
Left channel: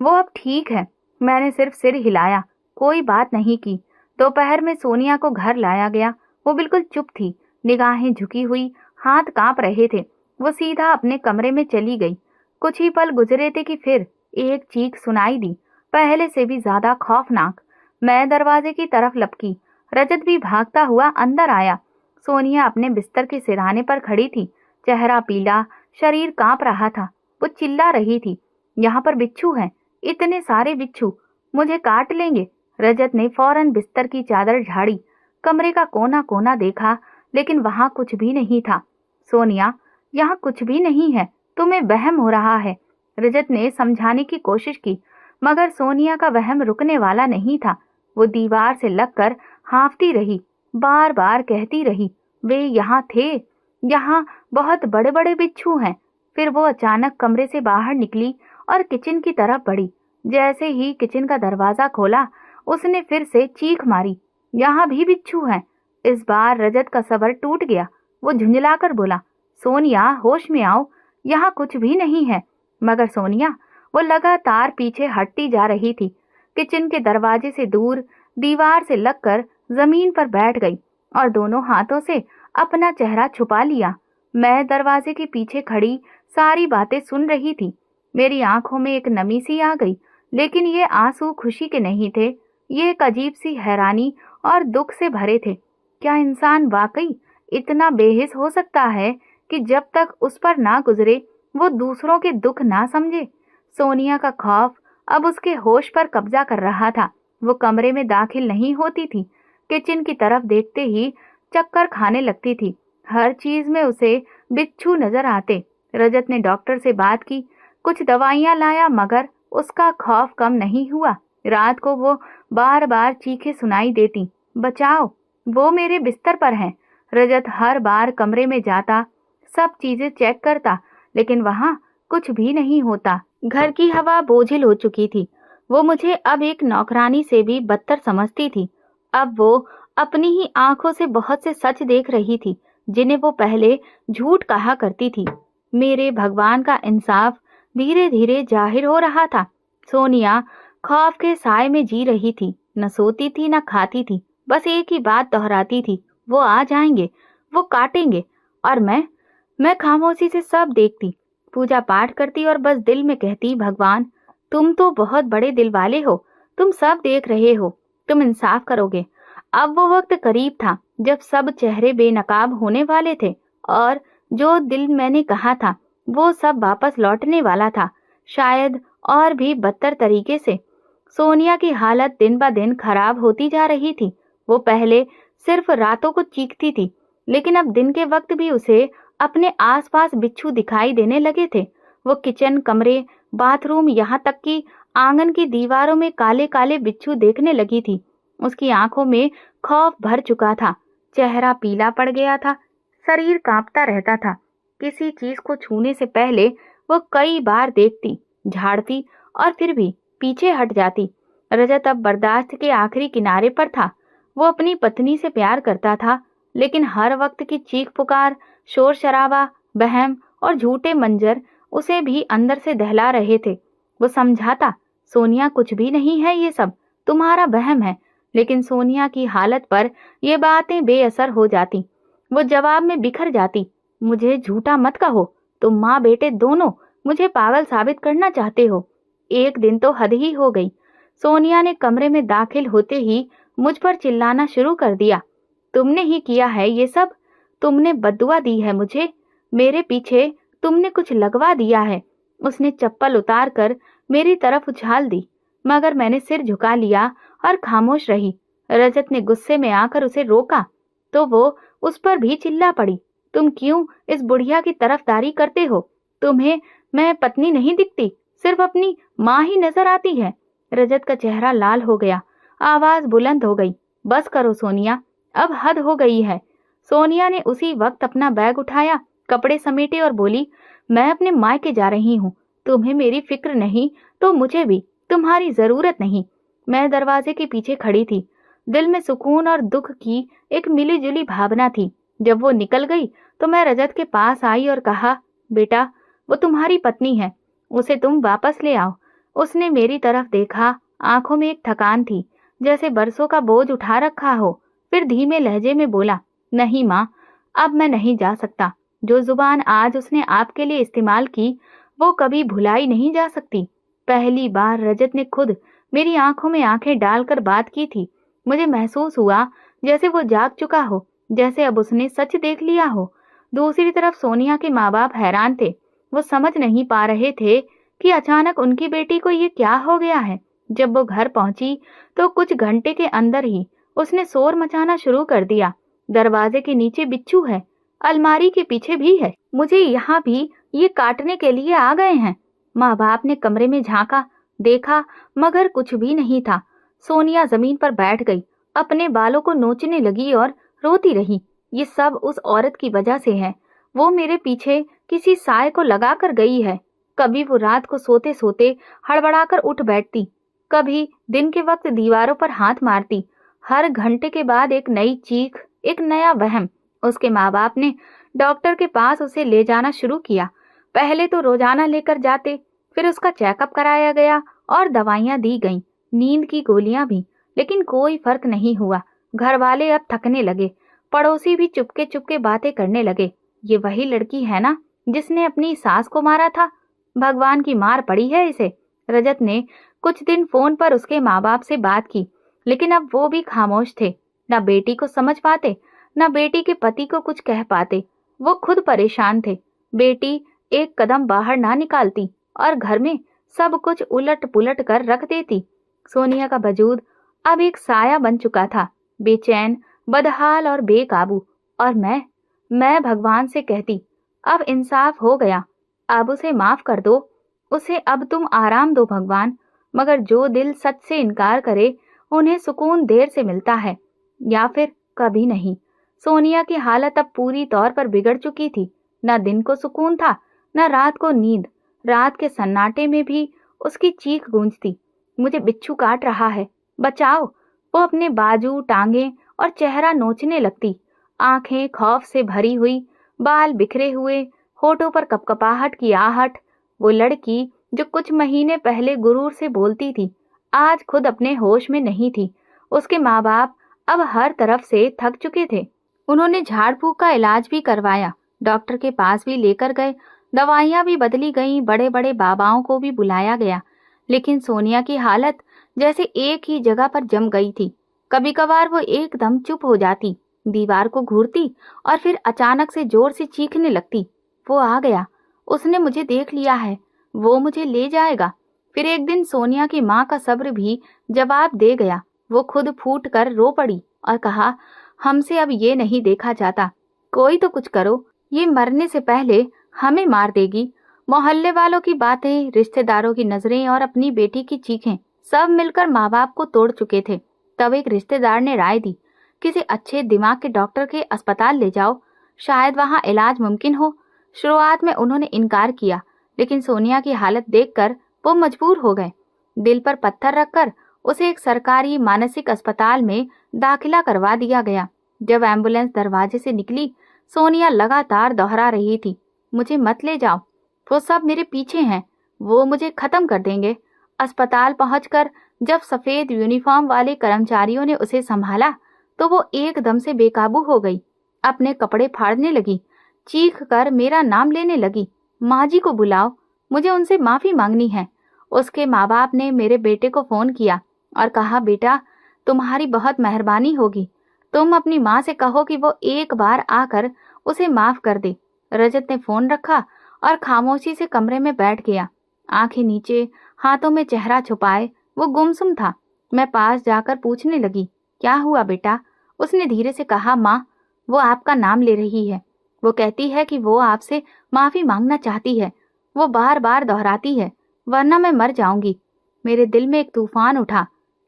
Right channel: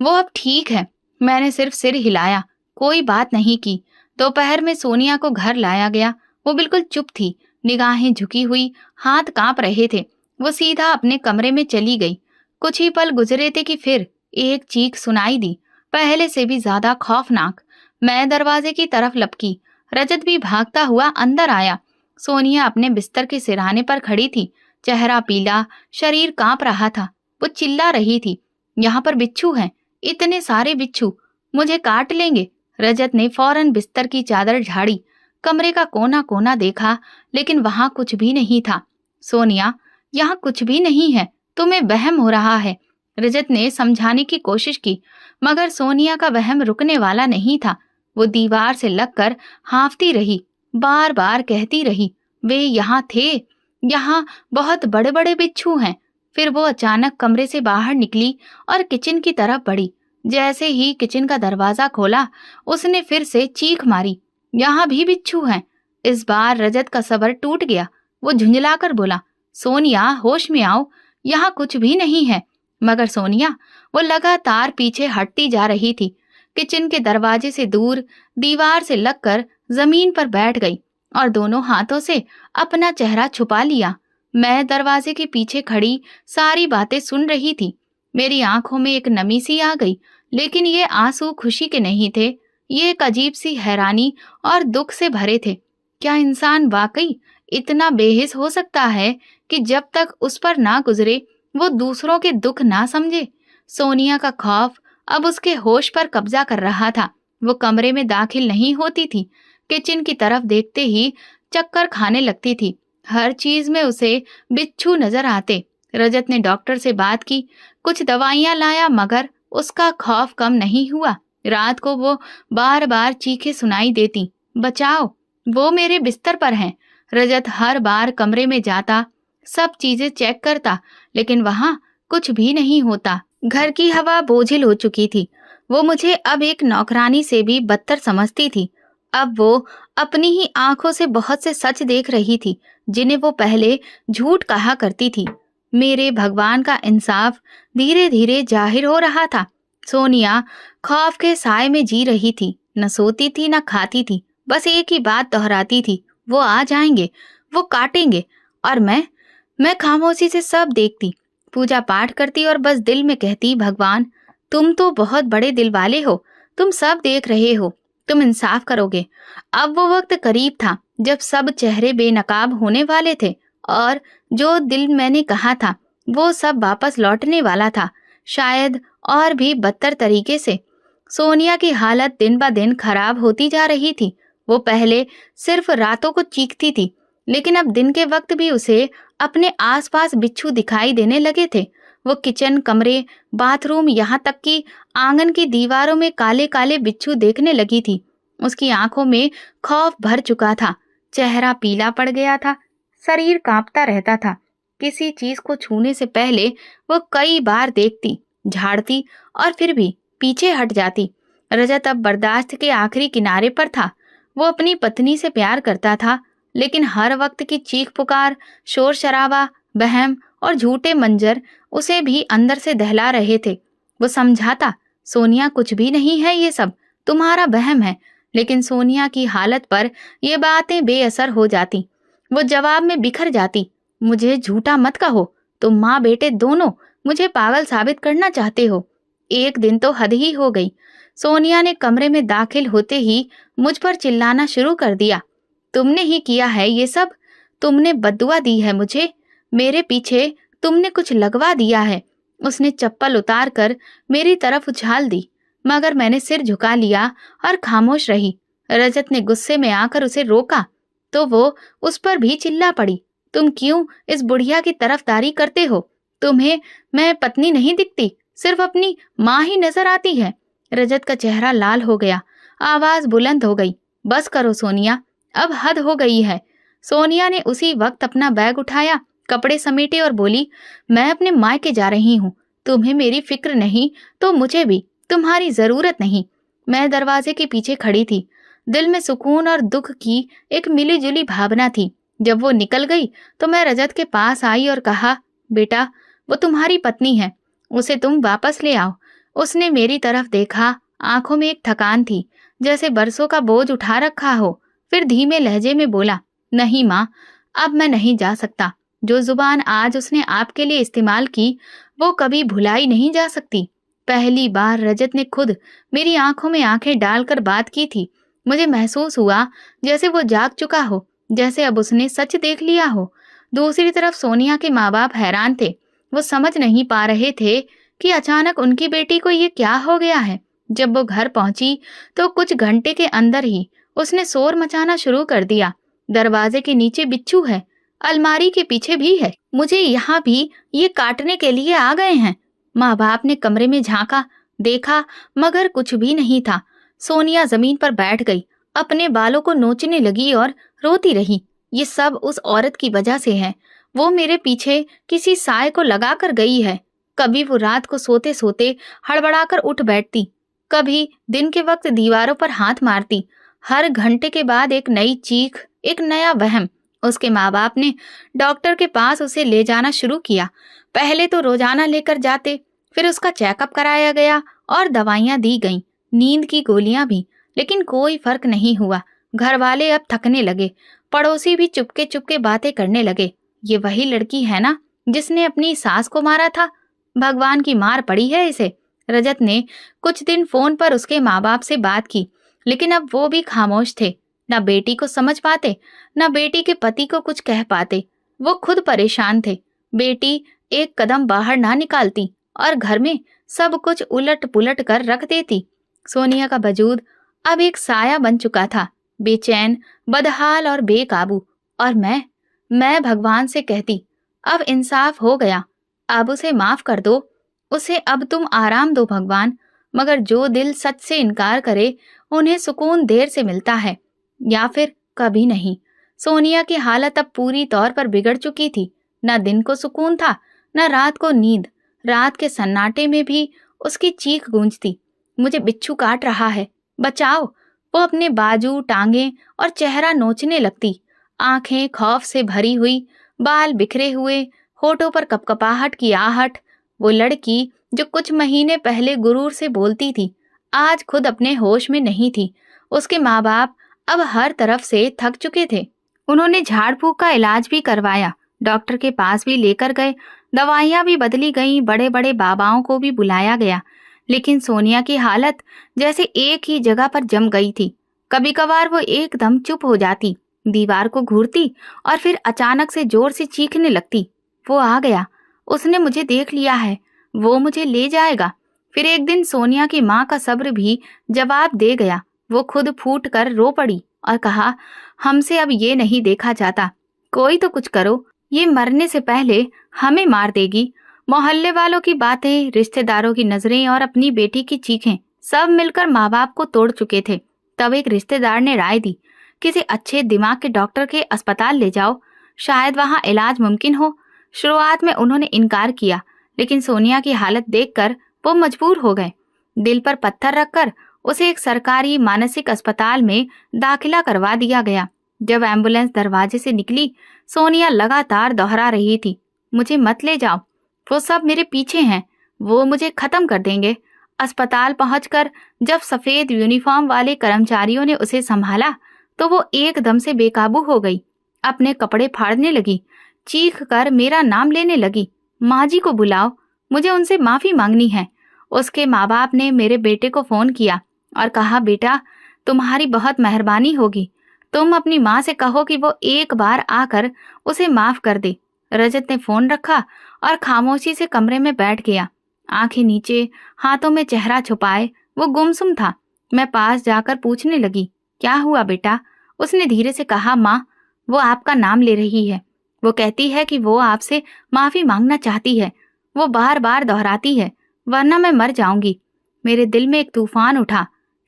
वो अब ठीक है। मैंने सिर्फ सिर हिलाया, कोई बात नहीं की। दोपहर में सोनिया को घर लाया गया। वो बिल्कुल चुप थी, निगाहें झुकी हुई, हाथ कांप रहे थे। वो सीधा अपने कमरे में चली गई। कुछ ही पल गुजरे थे कि फिर एक चीख सुनाई दी, पहले से भी ज्यादा खौफनाक। मैं दरवाजे की तरफ लपकी। रजत भी भागता हुआ अंदर आया। सोनिया अपने बिस्तर के सिरहाने पर खड़ी थी, चेहरा पीला, शरीर कांप रहा था। वो चिल्ला रही थी, यहाँ पर बिच्छू हैं, इतने सारे बिच्छू, मुझे काट लेंगे। रजत ने फौरन बिस्तर की चादर झाड़ी, कमरे का कोना कोना देखा, लेकिन वहां कुछ भी नहीं था। सोनिया, यहाँ कुछ भी नहीं है, तुम्हें वहम हो रहा है। रजत ने समझाने की कोशिश की, मगर सोनिया का वहम रुकने वाला नहीं था। वो दीवार से लगकर हाँफती रही, बार बार कहती रही, वे यहाँ थे, यहाँ बहुत बड़े बड़े बिच्छू हैं। फिर वो अचानक कमरे से बाहर निकली और किचन की तरफ बढ़ी। जैसे ही किचन का दरवाजा खोला, उसने फिर से चीख मारी, यहाँ भी बिच्छू हैं। इस बार रजत का सब्र टूट गया। वो झुंझलाकर बोला, सोनिया होश में आओ, यहाँ कुछ भी नहीं है। मगर सोनिया, वो लगातार पीछे हटती जा रही थी। किचन के दरवाजे से दूर दीवार से लगकर जमीन पर बैठ गई और दोनों हाथों से अपना चेहरा छुपा लिया। मैं दरवाजे के पीछे खड़ी सारी बातें सुन रही थी। मेरी आंखों में एक नमी सी आ गई, लेकिन ये आंसू खुशी के नहीं थे। ये एक अजीब सी हैरानी और दुख से भरे थे। क्या इंसान वाकई इतना बेहिस हो सकता है कि जब तक उस पर ना गुजरे वो दूसरों के दुख ना समझे? सोनिया का खौफ अब उसके होश पर कब्जा कर रहा था। वो कमरे में दाखिल नहीं होती थी, किचन की तरफ देखते ही चक्कर खाने लगती थी। हर चीज में उसे बिच्छू नजर आते। रजत ने डॉक्टर से बात की, कुछ दवाइयां लाया, मगर उसका खौफ कम नहीं हुआ। रात को वो बार बार चीखें सुनाई देती, बचाओ, वो मेरे बिस्तर पर हैं। रजत हर बार कमरे में जाता, सब चीजें चेक करता, लेकिन वहां कुछ भी नहीं होता। घर की हवा बोझिल हो चुकी थी। वो मुझे अब एक नौकरानी से भी बदतर समझती थी। अब वो अपनी ही आंखों से बहुत से सच देख रही थी, जिन्हें वो पहले झूठ कहा करती थी। मेरे भगवान का इंसाफ धीरे धीरे जाहिर हो रहा था। सोनिया खौफ के साए में जी रही थी, न सोती थी न खाती थी, बस एक ही बात दोहराती थी, वो आ जाएंगे, वो काटेंगे। और मैं खामोशी से सब देखती, पूजा पाठ करती और बस दिल में कहती, भगवान तुम तो बहुत बड़े दिल वाले हो, तुम सब देख रहे हो, तुम इंसाफ करोगे। अब वो वक्त करीब था जब सब चेहरे बेनकाब होने वाले थे और जो दिल मैंने कहा था वो सब वापस लौटने वाला था, शायद और भी बदतर तरीके से। सोनिया की हालत दिन ब दिन खराब होती जा रही थी। वो पहले सिर्फ रातों को चीखती थी, लेकिन अब दिन के वक्त भी उसे अपने आसपास बिच्छू दिखाई देने लगे थे। वो किचन, कमरे, बाथरूम, यहाँ तक कि आंगन की दीवारों में काले काले बिच्छू देखने लगी थी। उसकी आंखों में खौफ भर चुका था, चेहरा पीला पड़ गया था, शरीर कांपता रहता था। किसी चीज को छूने से पहले वो कई बार देखती, झाड़ती और फिर भी पीछे हट जाती। रजत अब बर्दाश्त के आखिरी किनारे पर था। वो अपनी पत्नी से प्यार करता था, लेकिन हर वक्त की चीख पुकार, शोर शराबा, बहम और झूठे मंजर उसे भी अंदर से दहला रहे थे। वो समझाता, सोनिया कुछ भी नहीं है, ये सब तुम्हारा वहम है। लेकिन सोनिया की हालत पर ये बातें बेअसर हो जाती। वो जवाब में बिखर जाती, मुझे झूठा मत कहो, तुम माँ बेटे दोनों मुझे पागल साबित करना चाहते हो। एक दिन तो हद ही हो गई। सोनिया ने कमरे में दाखिल होते ही मुझ पर चिल्लाना शुरू कर दिया, तुमने ही किया है ये सब, तुमने बद्दुआ दी है मुझे, मेरे पीछे तुमने कुछ लगवा दिया है। उसने चप्पल उतार कर मेरी तरफ उछाल दी, मगर मैंने सिर झुका लिया और खामोश रही। रजत ने गुस्से में आकर उसे रोका तो वो उस पर भी चिल्ला पड़ी, तुम क्यों इस बुढ़िया की तरफदारी करते हो? तुम्हें मैं पत्नी नहीं दिखती, सिर्फ अपनी माँ ही नजर आती है। रजत का चेहरा लाल हो गया, आवाज बुलंद हो गई, बस करो सोनिया, अब हद हो गई है। सोनिया ने उसी वक्त अपना बैग उठाया, कपड़े समेटे और बोली, मैं अपने मायके जा रही हूँ, तुम्हें मेरी फिक्र नहीं तो मुझे भी तुम्हारी जरूरत नहीं। मैं दरवाजे के पीछे खड़ी थी। दिल में सुकून और दुख की एक मिली जुली भावना थी। जब वो निकल गई तो मैं रजत के पास आई और कहा, बेटा वो तुम्हारी पत्नी है, उसे तुम वापस ले आओ। उसने मेरी तरफ देखा, आंखों में एक थकान थी, जैसे बरसों का बोझ उठा रखा हो। फिर धीमे लहजे में बोला, नहीं माँ, अब मैं नहीं जा सकता। जो जुबान आज उसने आपके लिए इस्तेमाल की वो कभी भुलाई नहीं जा सकती। पहली बार रजत ने खुद मेरी आंखों में आंखें डालकर बात की थी। मुझे महसूस हुआ जैसे वो जाग चुका हो, जैसे अब उसने सच देख लिया हो। दूसरी तरफ सोनिया के माँ बाप हैरान थे। वो समझ नहीं पा रहे थे कि अचानक उनकी बेटी को ये क्या हो गया है। जब वो घर पहुंची तो कुछ घंटे के अंदर ही उसने शोर मचाना शुरू कर दिया। दरवाजे के नीचे बिच्छू है, अलमारी के पीछे भी है, मुझे यहाँ भी ये काटने के लिए आ गए हैं। माँ बाप ने कमरे में झांका, देखा, मगर कुछ भी नहीं था। सोनिया जमीन पर बैठ गई, अपने बालों को नोचने लगी और रोती रही। ये सब उस औरत की वजह से है। वो मेरे पीछे किसी साय को लगा कर गई है। कभी वो रात को सोते सोते हड़बड़ाकर उठ बैठती, कभी दिन के वक्त दीवारों पर हाथ मारती। हर घंटे के बाद एक नई चीख, एक नया वहम। उसके माँ बाप ने डॉक्टर के पास उसे ले जाना शुरू किया। पहले तो रोजाना लेकर जाते, फिर उसका चेकअप कराया गया और दवाइयां दी गईं, नींद की गोलियां भी, लेकिन कोई फर्क नहीं हुआ। घर वाले अब थकने लगे, पड़ोसी भी चुपके चुपके बातें करने लगे। ये वही लड़की है ना जिसने अपनी सास को मारा था? भगवान की मार पड़ी है इसे। रजत ने कुछ दिन फोन पर उसके माँ बाप से बात की, लेकिन अब वो भी खामोश थे। न बेटी को समझ पाते, न बेटी के पति को कुछ कह पाते। वो खुद परेशान थे। बेटी एक कदम बाहर ना निकालती और घर में सब कुछ उलट पुलट कर रख देती। सोनिया का वजूद अब एक साया बन चुका था, बेचैन, बदहाल और बेकाबू। और मैं भगवान से कहती, अब इंसाफ हो गया, अब उसे माफ कर दो, उसे अब तुम आराम दो भगवान। मगर जो दिल सच से इनकार करे, उन्हें सुकून देर से मिलता है, या फिर कभी नहीं। सोनिया की हालत अब पूरी तौर पर बिगड़ चुकी थी। न दिन को सुकून था, न रात को नींद। रात के सन्नाटे में भी उसकी चीख गूंजती, मुझे बिच्छू काट रहा है, बचाओ। वो अपने बाजू, टांगे और चेहरा नोचने लगती, आंखें खौफ से भरी हुई, बाल बिखरे हुए, होठों पर कपकपाहट की आहट। वो लड़की जो कुछ महीने पहले गुरूर से बोलती थी, आज खुद अपने होश में नहीं थी। उसके माँ बाप अब हर तरफ से थक चुके थे। उन्होंने झाड़ फूक का इलाज भी करवाया, डॉक्टर के पास भी लेकर गए, दवाइयां भी बदली गईं, बड़े बड़े बाबाओं को भी बुलाया गया। लेकिन सोनिया की हालत जैसे एक ही जगह पर जम गई थी। कभी कभार वो एकदम चुप हो जाती, दीवार को घूरती और फिर अचानक से जोर से चीखने लगती, वो आ गया, उसने मुझे देख लिया है, वो मुझे ले जाएगा। फिर एक दिन सोनिया की माँ का सब्र भी जवाब दे गया। वो खुद फूट कर रो पड़ी और कहा, हमसे अब ये नहीं देखा जाता, कोई तो कुछ करो, ये मरने से पहले हमें मार देगी। मोहल्ले वालों की बातें, रिश्तेदारों की नजरें और अपनी बेटी की चीखें सब मिलकर माँ बाप को तोड़ चुके थे। तब एक रिश्तेदार ने राय दी, किसी अच्छे दिमाग के डॉक्टर के अस्पताल ले जाओ, शायद वहाँ इलाज मुमकिन हो। शुरुआत में उन्होंने इनकार किया, लेकिन सोनिया की हालत देखकर वो मजबूर हो गए। दिल पर पत्थर रखकर उसे एक सरकारी मानसिक अस्पताल में दाखिला करवा दिया गया। जब एम्बुलेंस दरवाजे से निकली, सोनिया लगातार दोहरा रही थी, मुझे मत ले जाओ, वो सब मेरे पीछे हैं, वो मुझे खत्म कर देंगे। अस्पताल पहुंचकर जब सफेद यूनिफॉर्म वाले कर्मचारियों ने उसे संभाला तो वो एकदम से बेकाबू हो गई, अपने कपड़े फाड़ने लगी, चीख कर मेरा नाम लेने लगी, माँ जी को बुलाओ, मुझे उनसे माफी मांगनी है। उसके माँ बाप ने मेरे बेटे को फोन किया और कहा, बेटा तुम्हारी बहुत मेहरबानी होगी, तुम अपनी माँ से कहो कि वो एक बार आकर उसे माफ कर दे। रजत ने फोन रखा और खामोशी से कमरे में बैठ गया, आंखें नीचे, हाथों में चेहरा छुपाए वो गुमसुम था। मैं पास जाकर पूछने लगी, क्या हुआ बेटा? उसने धीरे से कहा, माँ, वो आपका नाम ले रही है, वो कहती है कि वो आपसे माफी मांगना चाहती है, वो बार बार दोहराती है, वरना मैं मर जाऊंगी। मेरे दिल में एक तूफान उठा।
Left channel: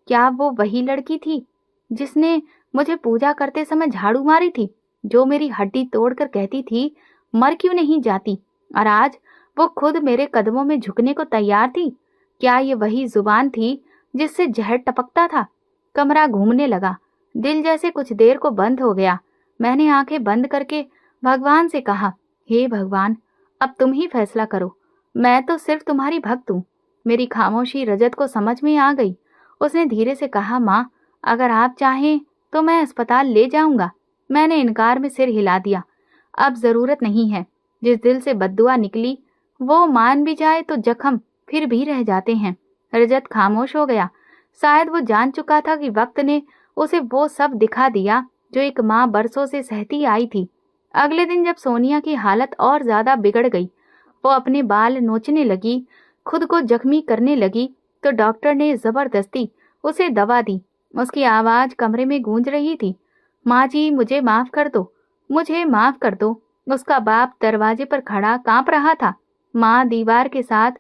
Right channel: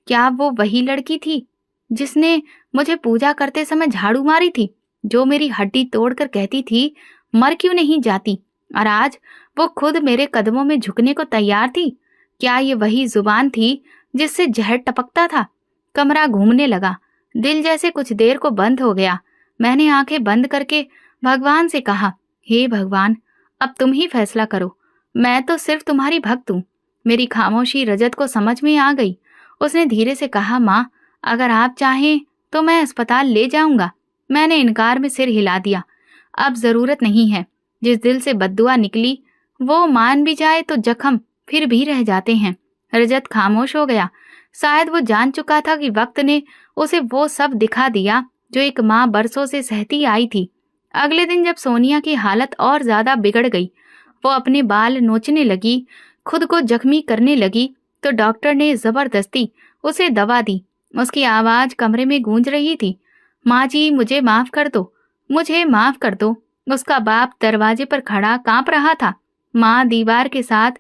क्या वो वही लड़की थी जिसने मुझे पूजा करते समय झाड़ू मारी थी, जो मेरी हड्डी तोड़कर कहती थी मर क्यों नहीं जाती, और आज वो खुद मेरे कदमों में झुकने को तैयार थी? क्या ये वही जुबान थी जिससे जहर टपकता था? कमरा घूमने लगा, दिल जैसे कुछ देर को बंद हो गया। मैंने आंखें बंद करके भगवान से कहा, हे भगवान, अब तुम ही फैसला करो, मैं तो सिर्फ तुम्हारी भक्त हूँ। मेरी खामोशी रजत को समझ में आ गई। उसने धीरे से कहा, माँ, अगर आप चाहें तो मैं अस्पताल ले जाऊंगा। मैंने इनकार में सिर हिला दिया, अब जरूरत नहीं है। जिस दिल से बद्दुआ निकली वो मान भी जाए तो जख्म फिर भी रह जाते हैं। रजत खामोश हो गया। शायद वो जान चुका था कि वक्त ने उसे वो सब दिखा दिया जो एक माँ बरसों से सहती आई थी। अगले दिन जब सोनिया की हालत और ज्यादा बिगड़ गई, वो अपने बाल नोचने लगी, खुद को जख्मी करने लगी, तो डॉक्टर ने जबरदस्ती उसे दवा दी। उसकी आवाज कमरे में गूंज रही थी, माँ जी मुझे माफ कर दो, मुझे माफ कर दो। उसका बाप दरवाजे पर खड़ा कांप रहा था। माँ दीवार के साथ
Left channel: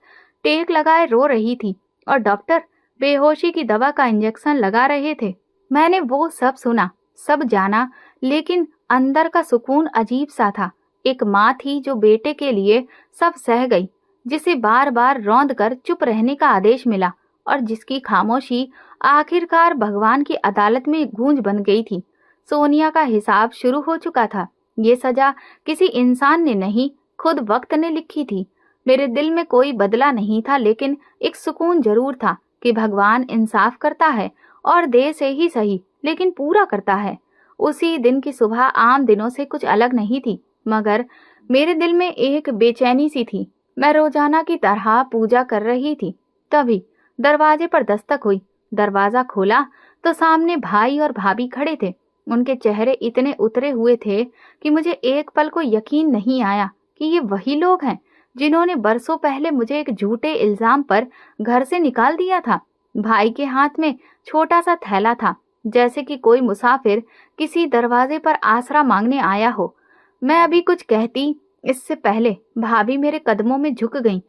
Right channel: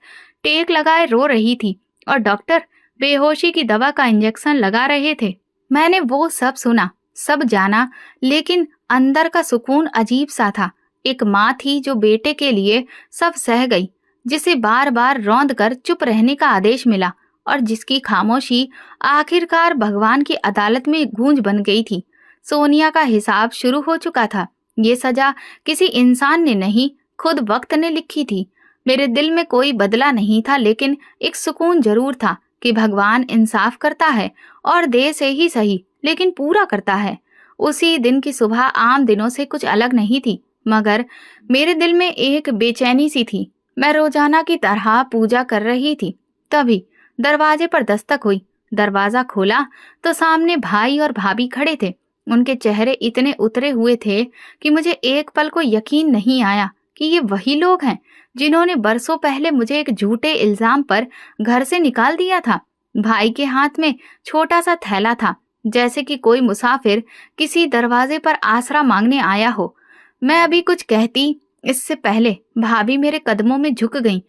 टेक लगाए रो रही थी और डॉक्टर बेहोशी की दवा का इंजेक्शन लगा रहे थे। मैंने वो सब सुना, सब जाना, लेकिन अंदर का सुकून अजीब सा था। एक माँ थी जो बेटे के लिए सब सह गई, जिसे बार बार रौंद कर चुप रहने का आदेश मिला और जिसकी खामोशी आखिरकार भगवान की अदालत में गूंज बन गई थी। सोनिया का हिसाब शुरू हो चुका था। ये सजा किसी इंसान ने नहीं, खुद वक्त ने लिखी थी। मेरे दिल में कोई बदला नहीं था, लेकिन एक सुकून जरूर था कि भगवान इंसाफ करता है और देर से ही सही, लेकिन पूरा करता है। उसी दिन की सुबह आम दिनों से कुछ अलग नहीं थी, मगर मेरे दिल में एक बेचैनी सी थी। मैं रोजाना की तरह पूजा कर रही थी, तभी दरवाजे पर दस्तक हुई। दरवाजा खोला तो सामने भाई और भाभी खड़े थे। उनके चेहरे इतने उतरे हुए थे कि मुझे एक पल को यकीन नहीं आया कि ये वही लोग हैं जिन्होंने बरसों पहले मुझे एक झूठे इल्जाम पर घर से निकाल दिया था। भाई के हाथ में छोटा सा थैला था, जैसे कि कोई मुसाफिर किसी दरवाजे पर आसरा मांगने आया हो। मैं अभी कुछ कहती इससे पहले भाभी मेरे कदमों में झुक गईं।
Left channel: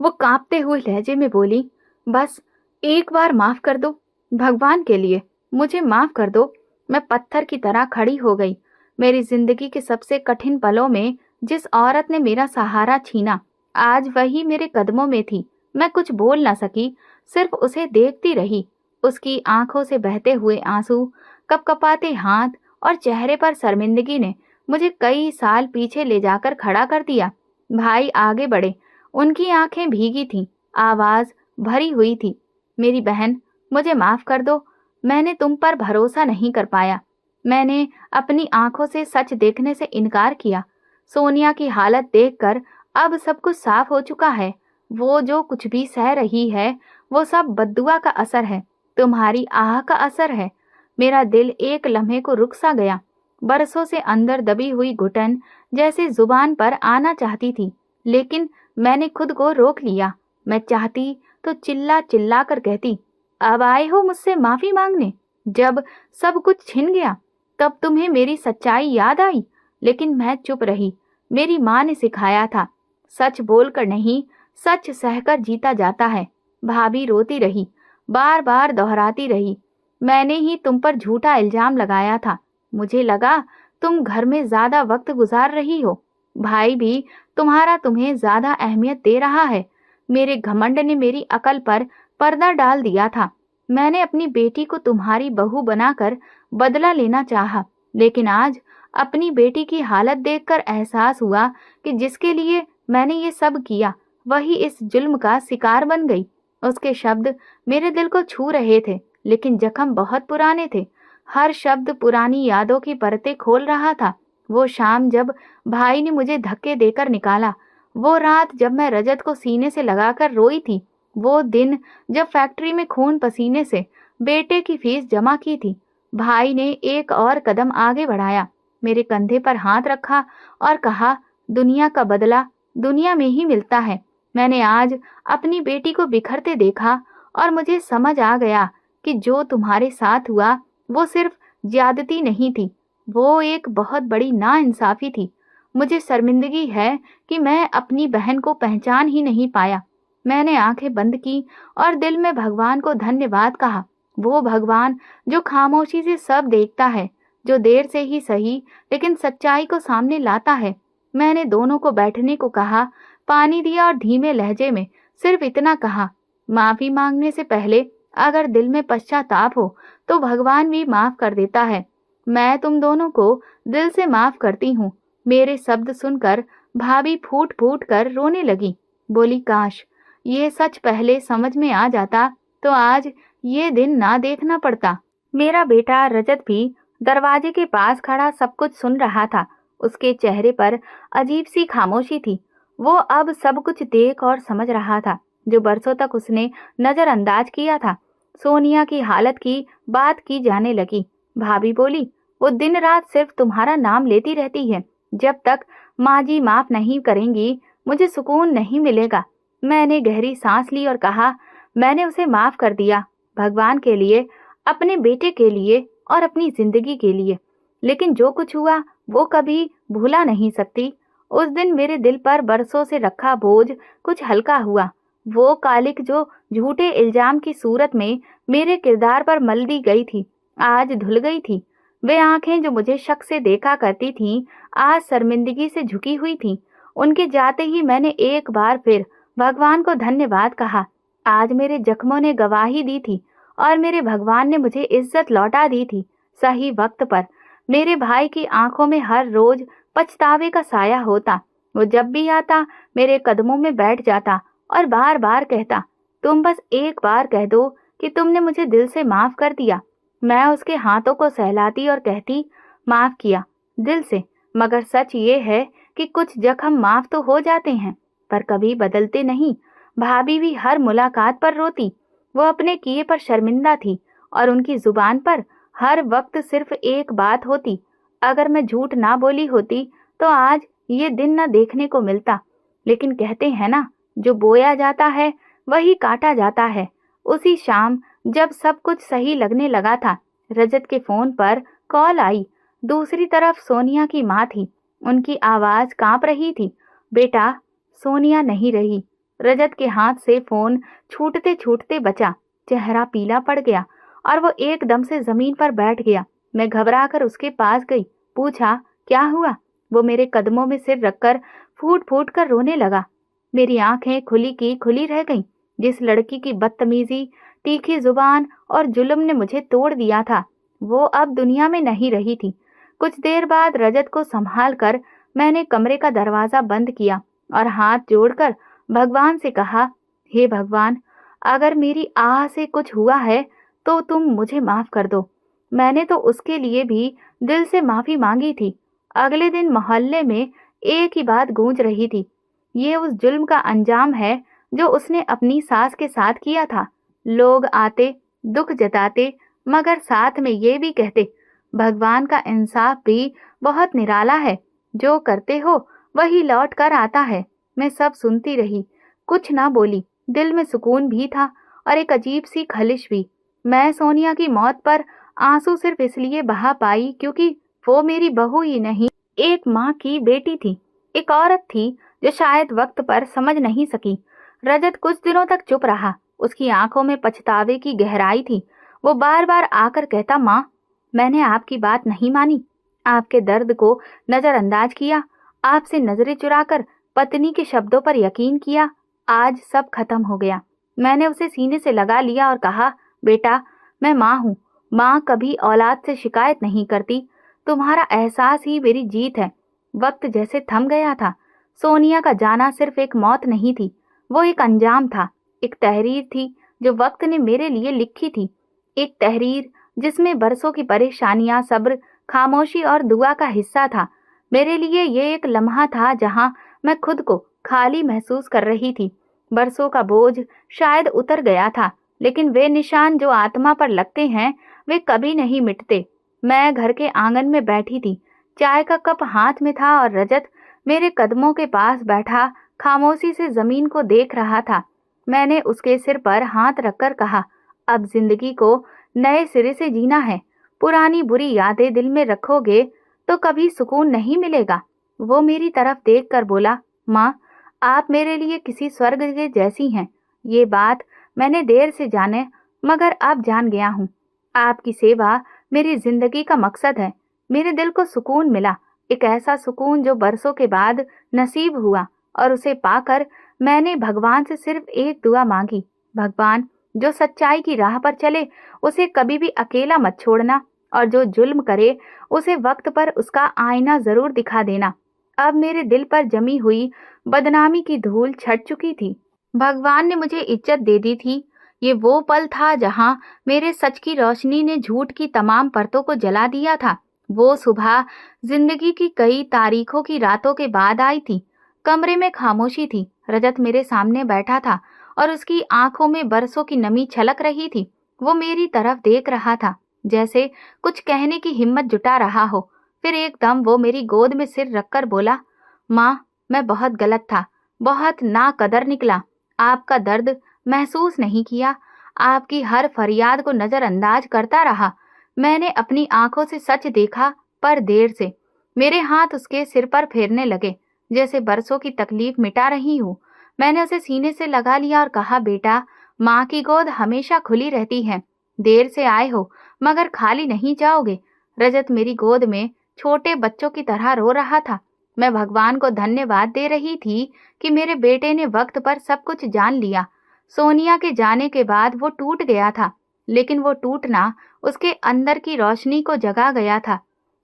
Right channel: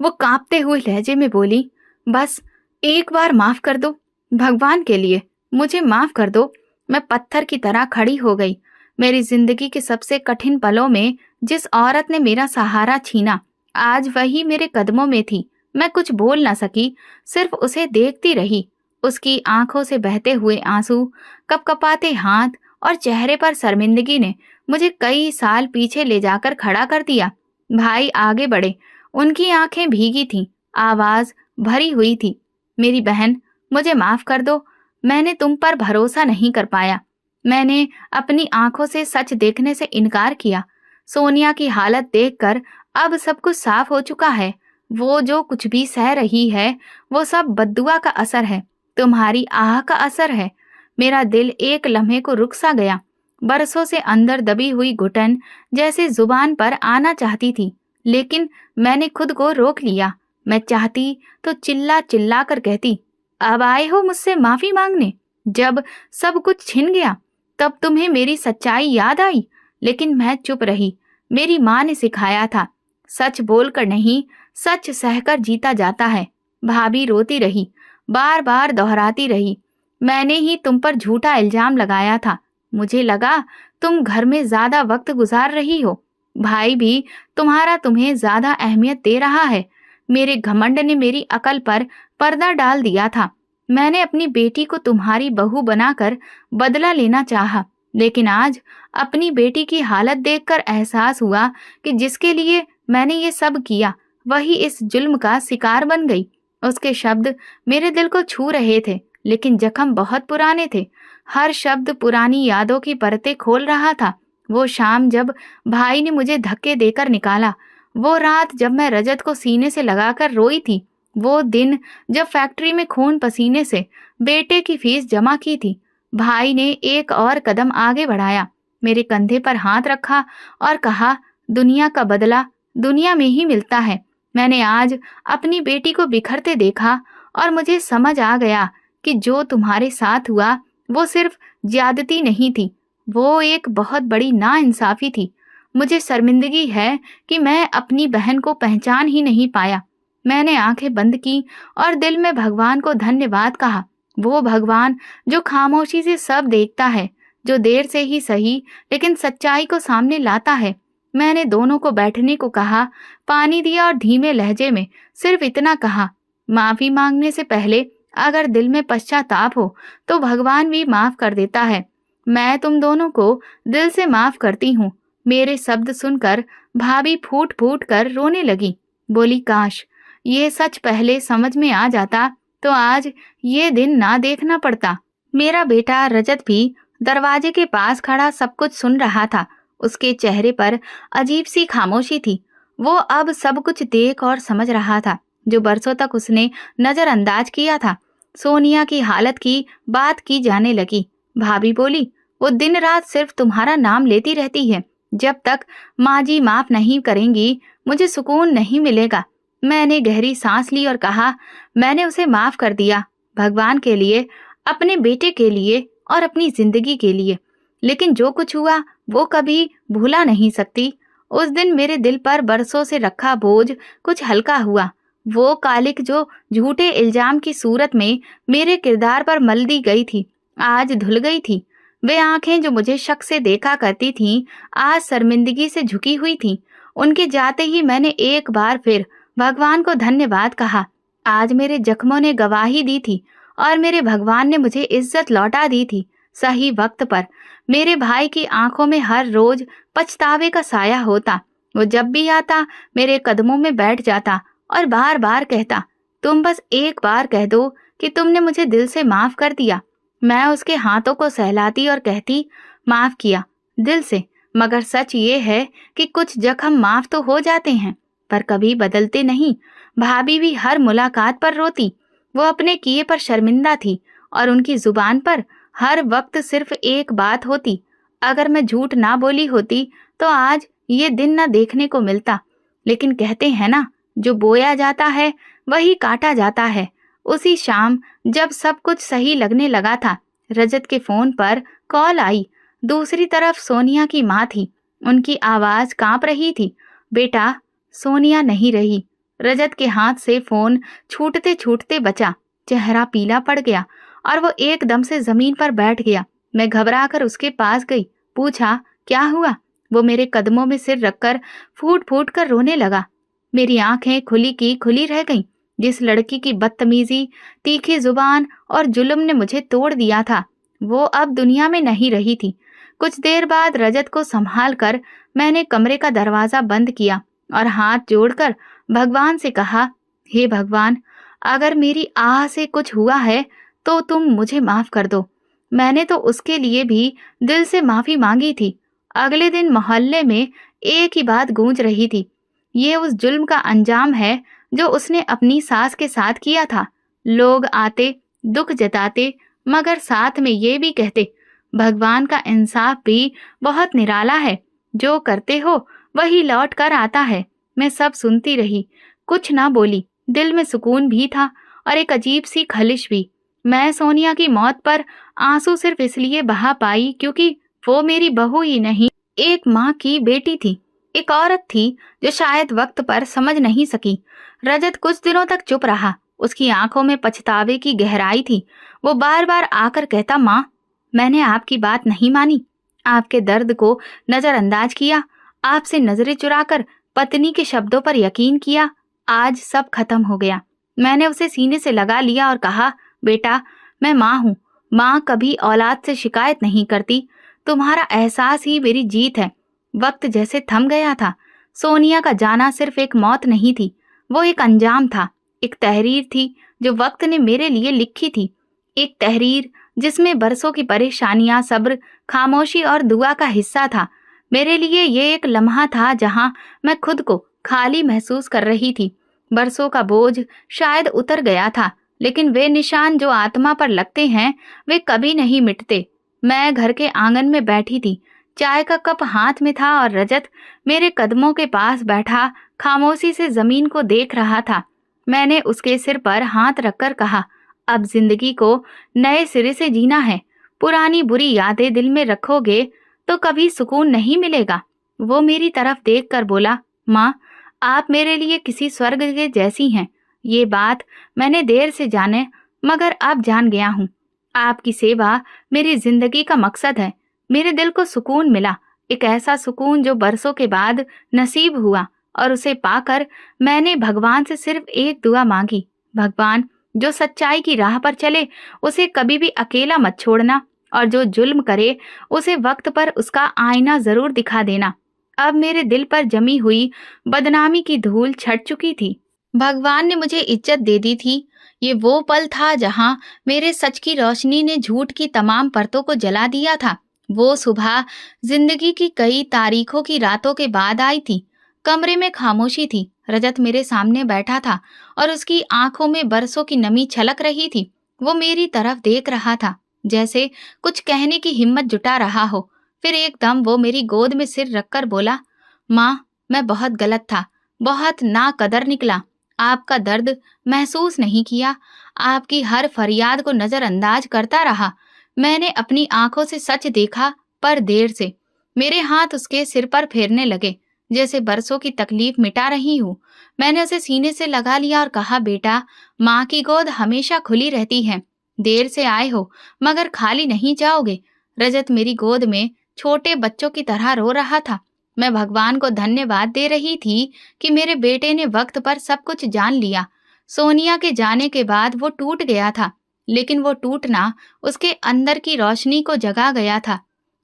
वो कांपते हुए लहजे में बोली, बस एक बार माफ कर दो, भगवान के लिए मुझे माफ कर दो। मैं पत्थर की तरह खड़ी हो गई। मेरी जिंदगी के सबसे कठिन पलों में जिस औरत ने मेरा सहारा छीना, आज वही मेरे कदमों में थी। मैं कुछ बोल ना सकी, सिर्फ उसे देखती रही। उसकी आंखों से बहते हुए आंसू, कपकपाते हाथ और चेहरे पर शर्मिंदगी ने मुझे कई साल पीछे ले जाकर खड़ा कर दिया। भाई आगे बढ़े, उनकी आंखें भीगी थीं, आवाज भरी हुई थी, मेरी बहन मुझे माफ कर दो, मैंने तुम पर भरोसा नहीं कर पाया। मैंने अपनी आंखों से सच देखने से इनकार किया। सोनिया की हालत देखकर अब सब कुछ साफ हो चुका है। वो जो कुछ भी सह रही है, वो सब बद्दुआ का असर है, तुम्हारी आह का असर है। मेरा दिल एक लम्हे को रुक सा गया। बरसों से अंदर दबी हुई घुटन जैसे जुबान पर आना चाहती थी, लेकिन मैंने खुद को रोक लिया। मैं चाहती तो चिल्ला चिल्ला कर कहती, अब आए हो मुझसे माफी मांगने? जब सब कुछ छिन गया तब तुम्हें मेरी सच्चाई याद आई, लेकिन मैं चुप रही। मेरी माँ ने सिखाया था, सच बोलकर नहीं, सच सहकर जीता जाता है। भाभी रोती रही, बार बार दोहराती रही, मैंने ही तुम पर झूठा इल्जाम लगाया था। मुझे लगा तुम घर में ज्यादा वक्त गुजार रही हो। भाई भी तुम्हारा तुम्हें ज्यादा अहमियत दे रहा है। मेरे घमंड ने मेरी अकल पर पर्दा डाल दिया था। मैंने अपनी बेटी को तुम्हारी बहू बनाकर बदला लेना चाहा, लेकिन आज अपनी बेटी की हालत देखकर एहसास हुआ कि जिसके लिए मैंने ये सब किया, वही इस जुल्म का शिकार बन गई। उसके शब्द मेरे दिल को छू रहे थे, लेकिन जख्म बहुत पुराने थे। हर शब्द पुरानी यादों की परतें खोल रहा था। वो शाम जब भाई ने मुझे धक्के देकर निकाला, वो रात जब मैं रजत को सीने से लगाकर रोई थी, वो दिन जब फैक्ट्री में खून पसीने से बेटे की फीस जमा की थी। भाई ने एक और कदम आगे बढ़ाया, मेरे कंधे पर हाथ रखा और कहा, दुनिया का बदला दुनिया में ही मिलता है। मैंने आज अपनी बेटी को बिखरते देखा और मुझे समझ आ गया कि जो तुम्हारे साथ हुआ वो सिर्फ ज्यादती नहीं थी, वो एक बहुत बड़ी नाइंसाफी थी। मुझे शर्मिंदगी है कि मैं अपनी बहन को पहचान ही नहीं पाया। मैंने आंखें बंद की और दिल में भगवान को धन्यवाद कहा। वो भगवान जो खामोशी से सब देखता है, जो देर से ही सही लेकिन सच्चाई को सामने लाता है। मैंने दोनों को बैठने को कहा, पानी दिया और धीमे लहजे में सिर्फ इतना कहा, माफी मांगने से पहले अगर दिल में पश्चाताप हो तो भगवान भी माफ कर देता है। मैं तुम दोनों को दिल से माफ करती हूँ। मेरे शब्द सुनकर भाभी फूट फूट कर रोने लगी। बोली, काश ये सच पहले समझ में आ जाता तो आज ये दिन ना देखना पड़ता। मेरा बेटा रजत भी दरवाजे के पास खड़ा सब कुछ सुन रहा था। उसके चेहरे पर अजीब सी खामोशी थी। वो अब सब कुछ देख और समझ रहा था जो बरसों तक उसने नजरअंदाज किया था। सोनिया की हालत की बात की जाने लगी। भाभी बोली, वो दिन रात सिर्फ तुम्हारा नाम लेती रहती है। जब तक माँ जी माफ नहीं करेंगी, मुझे सुकून नहीं मिलेगा। मैंने गहरी सांस ली और कहा, मैंने उसे माफ कर दिया, भगवान के लिए, अपने बेटे के लिए और अपनी जिंदगी के लिए। लेकिन जो कुछ हुआ वो कभी भूला नहीं सकती। उस दिन मेरे दिल पर बरसों से रखा बोझ कुछ हल्का हुआ। वो कालिक जो झूठे इल्जाम की सूरत में मेरे किरदार पर मल दी गई थी, आज धुल गई थी। वे आंखें जो मुझे शक से देखा करती थीं, आज शर्मिंदगी से झुकी हुई थीं। उनके जाते ही मैंने एक बार फिर भगवान को धन्यवाद कहा। आज मेरे जख्मों ने गवाही दी थी और मेरे भगवान ने मुझे इज्जत लौटा दी थी, सही वक्त पर। मेरे भाई की आंखों में हर रोज पछतावे का साया होता। वो जब भी आता मेरे कदमों में बैठ जाता और बार बार कहता, तुम बस एक बार कह दो कि तुमने मुझे दिल से माफ कर दिया। मैं उसके हाथों को सहलाती और कहती, माफ किया दिल से। मगर सच ये है कि कुछ जख्म माफ तो हो जाते हैं, पर कभी बदलते नहीं। भाभी भी हर मुलाकात पर रोती। वो अपने किए पर शर्मिंदा थी और उनकी जुबान पर हर वक्त सिर्फ एक बात होती, अगर मैं झूठ ना बोली होती तो आज ये दिन न देखने को मिलता। लेकिन कहते हैं ना, जो बोया जाता है वही काटा जाता है। उसी शाम जब सब कुछ सही लगने लगा था, रजत के फोन पर कॉल आई। दूसरी तरफ सोनिया की माँ थी। उनकी आवाज कांप रही थी। बेटा। सोनिया नहीं रही। रजत के हाथ से फोन छूटते छूटते बचा। चेहरा पीला पड़ गया और वो एकदम से जमीन पर बैठ गया। मैं घबराकर उसके पास गई, पूछा, क्या हुआ? वो मेरे कदमों में सिर रखकर फूट फूट कर रोने लगा। मेरी आंखें खुली की खुली रह गईं। जिस लड़की की बदतमीजी, तीखी जुबान और जुल्म ने मुझे तोड़ दिया था, वो अब दुनिया में नहीं रही थी। कुछ देर बाद रजत को संभाल कर मैंने कमरे का दरवाजा बंद किया और हाथ जोड़कर भगवान से कहा, हे भगवान, अगर मेरी आह से कुछ हुआ है तो तुम मुझे माफ कर दो। मैंने तो उसके लिए भी दिल से माफी मांगी थी। अगले दिन मोहल्ले में एक ही बात गूंज रही थी, ये उस जुल्म का अंजाम है जो उसने अपनी सास के साथ किया था। लोग आते, दुख जताते, मगर साथ में ये भी कहते, भगवान का इंसाफ भी बहुत निराला है, जो करते हो वही लौट कर आता है। मैं सब सुनती रही, कुछ ना बोली। दिल में सुकून भी था और एक अजीब सी खलिश भी। मैं सोनिया की मौत पर आंसू सिर्फ इसलिए बहा पाई क्योंकि वो मेरी बहू ही नहीं, एक माँ की बेटी थी, एक औरत थी जो शायद वक्त पर समझ नहीं सकी। रजत कुछ दिनों तक चुप रहा। उसकी आंखों में पछतावे की गहराई थी। वो बार बार आकर कहता, माँ, मैंने आपकी बात नहीं मानी, आपके दर्द को नजरअंदाज किया, आपसे नजरें चुराकर पत्नी के शब्दों पर यकीन किया। आज सब खत्म हो गया। मैंने उसे सीने से लगा लिया और कहा, बेटा, मैं माँ हूँ। माँ कभी औलाद से शिकायत नहीं करती। तुम्हारा एहसास ही मेरी जीत है। वक्त जैसे थम गया था। सोनिया का जाना सिर्फ एक मौत नहीं थी, वो एक अंजाम था, एक तहरीर थी जो वक्त ने मेरे लिए लिखी थी। एक तहरीर जिसमें बरसों की परेशानियां, सब्र, खामोशी और दुआ का हिस्सा था। मेरे लिए ये एक लम्हा था जहां मैं खुद को खाली महसूस कर रही थी। बरसों का बोझ शायद उतर गया था, लेकिन वे निशान जो आत्मा पर लगते हैं वे कभी नहीं मिटते। मैं घर के आंगन में बैठी थी। चाय का कप हाथ में था और रजत मेरे कदमों के पास बैठा खामोशी से जमीन को देख रहा था। मैंने उसके सिर पर हाथ रखकर कहा, अब जिंदगी को नए सिरे से जीना है। पुरानी बुरी यादें दिल में रखोगे तो कभी सुकून नहीं मिलेगा। वो मेरी तरफ देखकर बोला, माँ, आप मेरे लिए किसी स्वर्ग के जैसी हैं। ये बात मैंने देर से जाने, मगर अब जान गया हूँ। आपकी सेवा मेरी जिंदगी का मकसद है। मेरे दिल को सुकून मिला, एक ऐसा सुकून जो बरसों के बाद नसीब हुआ, और उसे पाकर मैंने भगवान से सिर्फ एक दुआ मांगी, भगवान, जो सच्चाई की राह पर चले उसे कभी भी अकेला मत छोड़ना, और जो जुल्म करे उसे वक्त पर उसका आईना जरूर दिखा देना। अब मेरे दिल पर जमी हुई बदनामी की धूल छट चुकी थी। भगवान ने मुझे इज्जत दे दी थी। ये वो पल था जहां मेरे सच की रोशनी ने झूठ की तमाम परतों को जला दिया था। वो सुबह जिंदगी की कई तारीखों की रातों के बाद आई थी। कमरे में खामोशी थी। रजत मेरे सामने बैठा था और उसकी आंखों में बरसों की नमी छलक रही थी। वो मेरी तरफ देख रहा था। जैसे कुछ कहने की हिम्मत जुटा रहा हो। फिर एकदम वो मेरी गोद में सिर रखकर बोला, माँ, मैं बहुत गलत था, बहुत नाकदर निकला। आपका दर्द महसूस नहीं किया, आपकी हर फरियाद को नजरअंदाज करता रहा। मैंने अपनी आंखों से सच देखा, पर देर से। मेरे हाथ उसके सिर पर फेरने लगे, जैसे बरसों की तकलीफ मिटा रही हूँ। मैंने उसे सीने से लगा लिया और कहा, बेटा, माँ की गोद हमेशा खुली रहती है। देर से आए हो, मगर खाली नहीं जाओगे। रजत मेरी गोद में छोटे बच्चों की तरह रो रहा था। मैं भगवान को धन्यवाद दे रही थी कि मेरे बेटे ने वक्त पर सब कुछ जान लिया। सोनिया के जाने के बाद वो टूट गया था, लेकिन वो टूटना उसके अंदर की रोशनी को जगा गया था।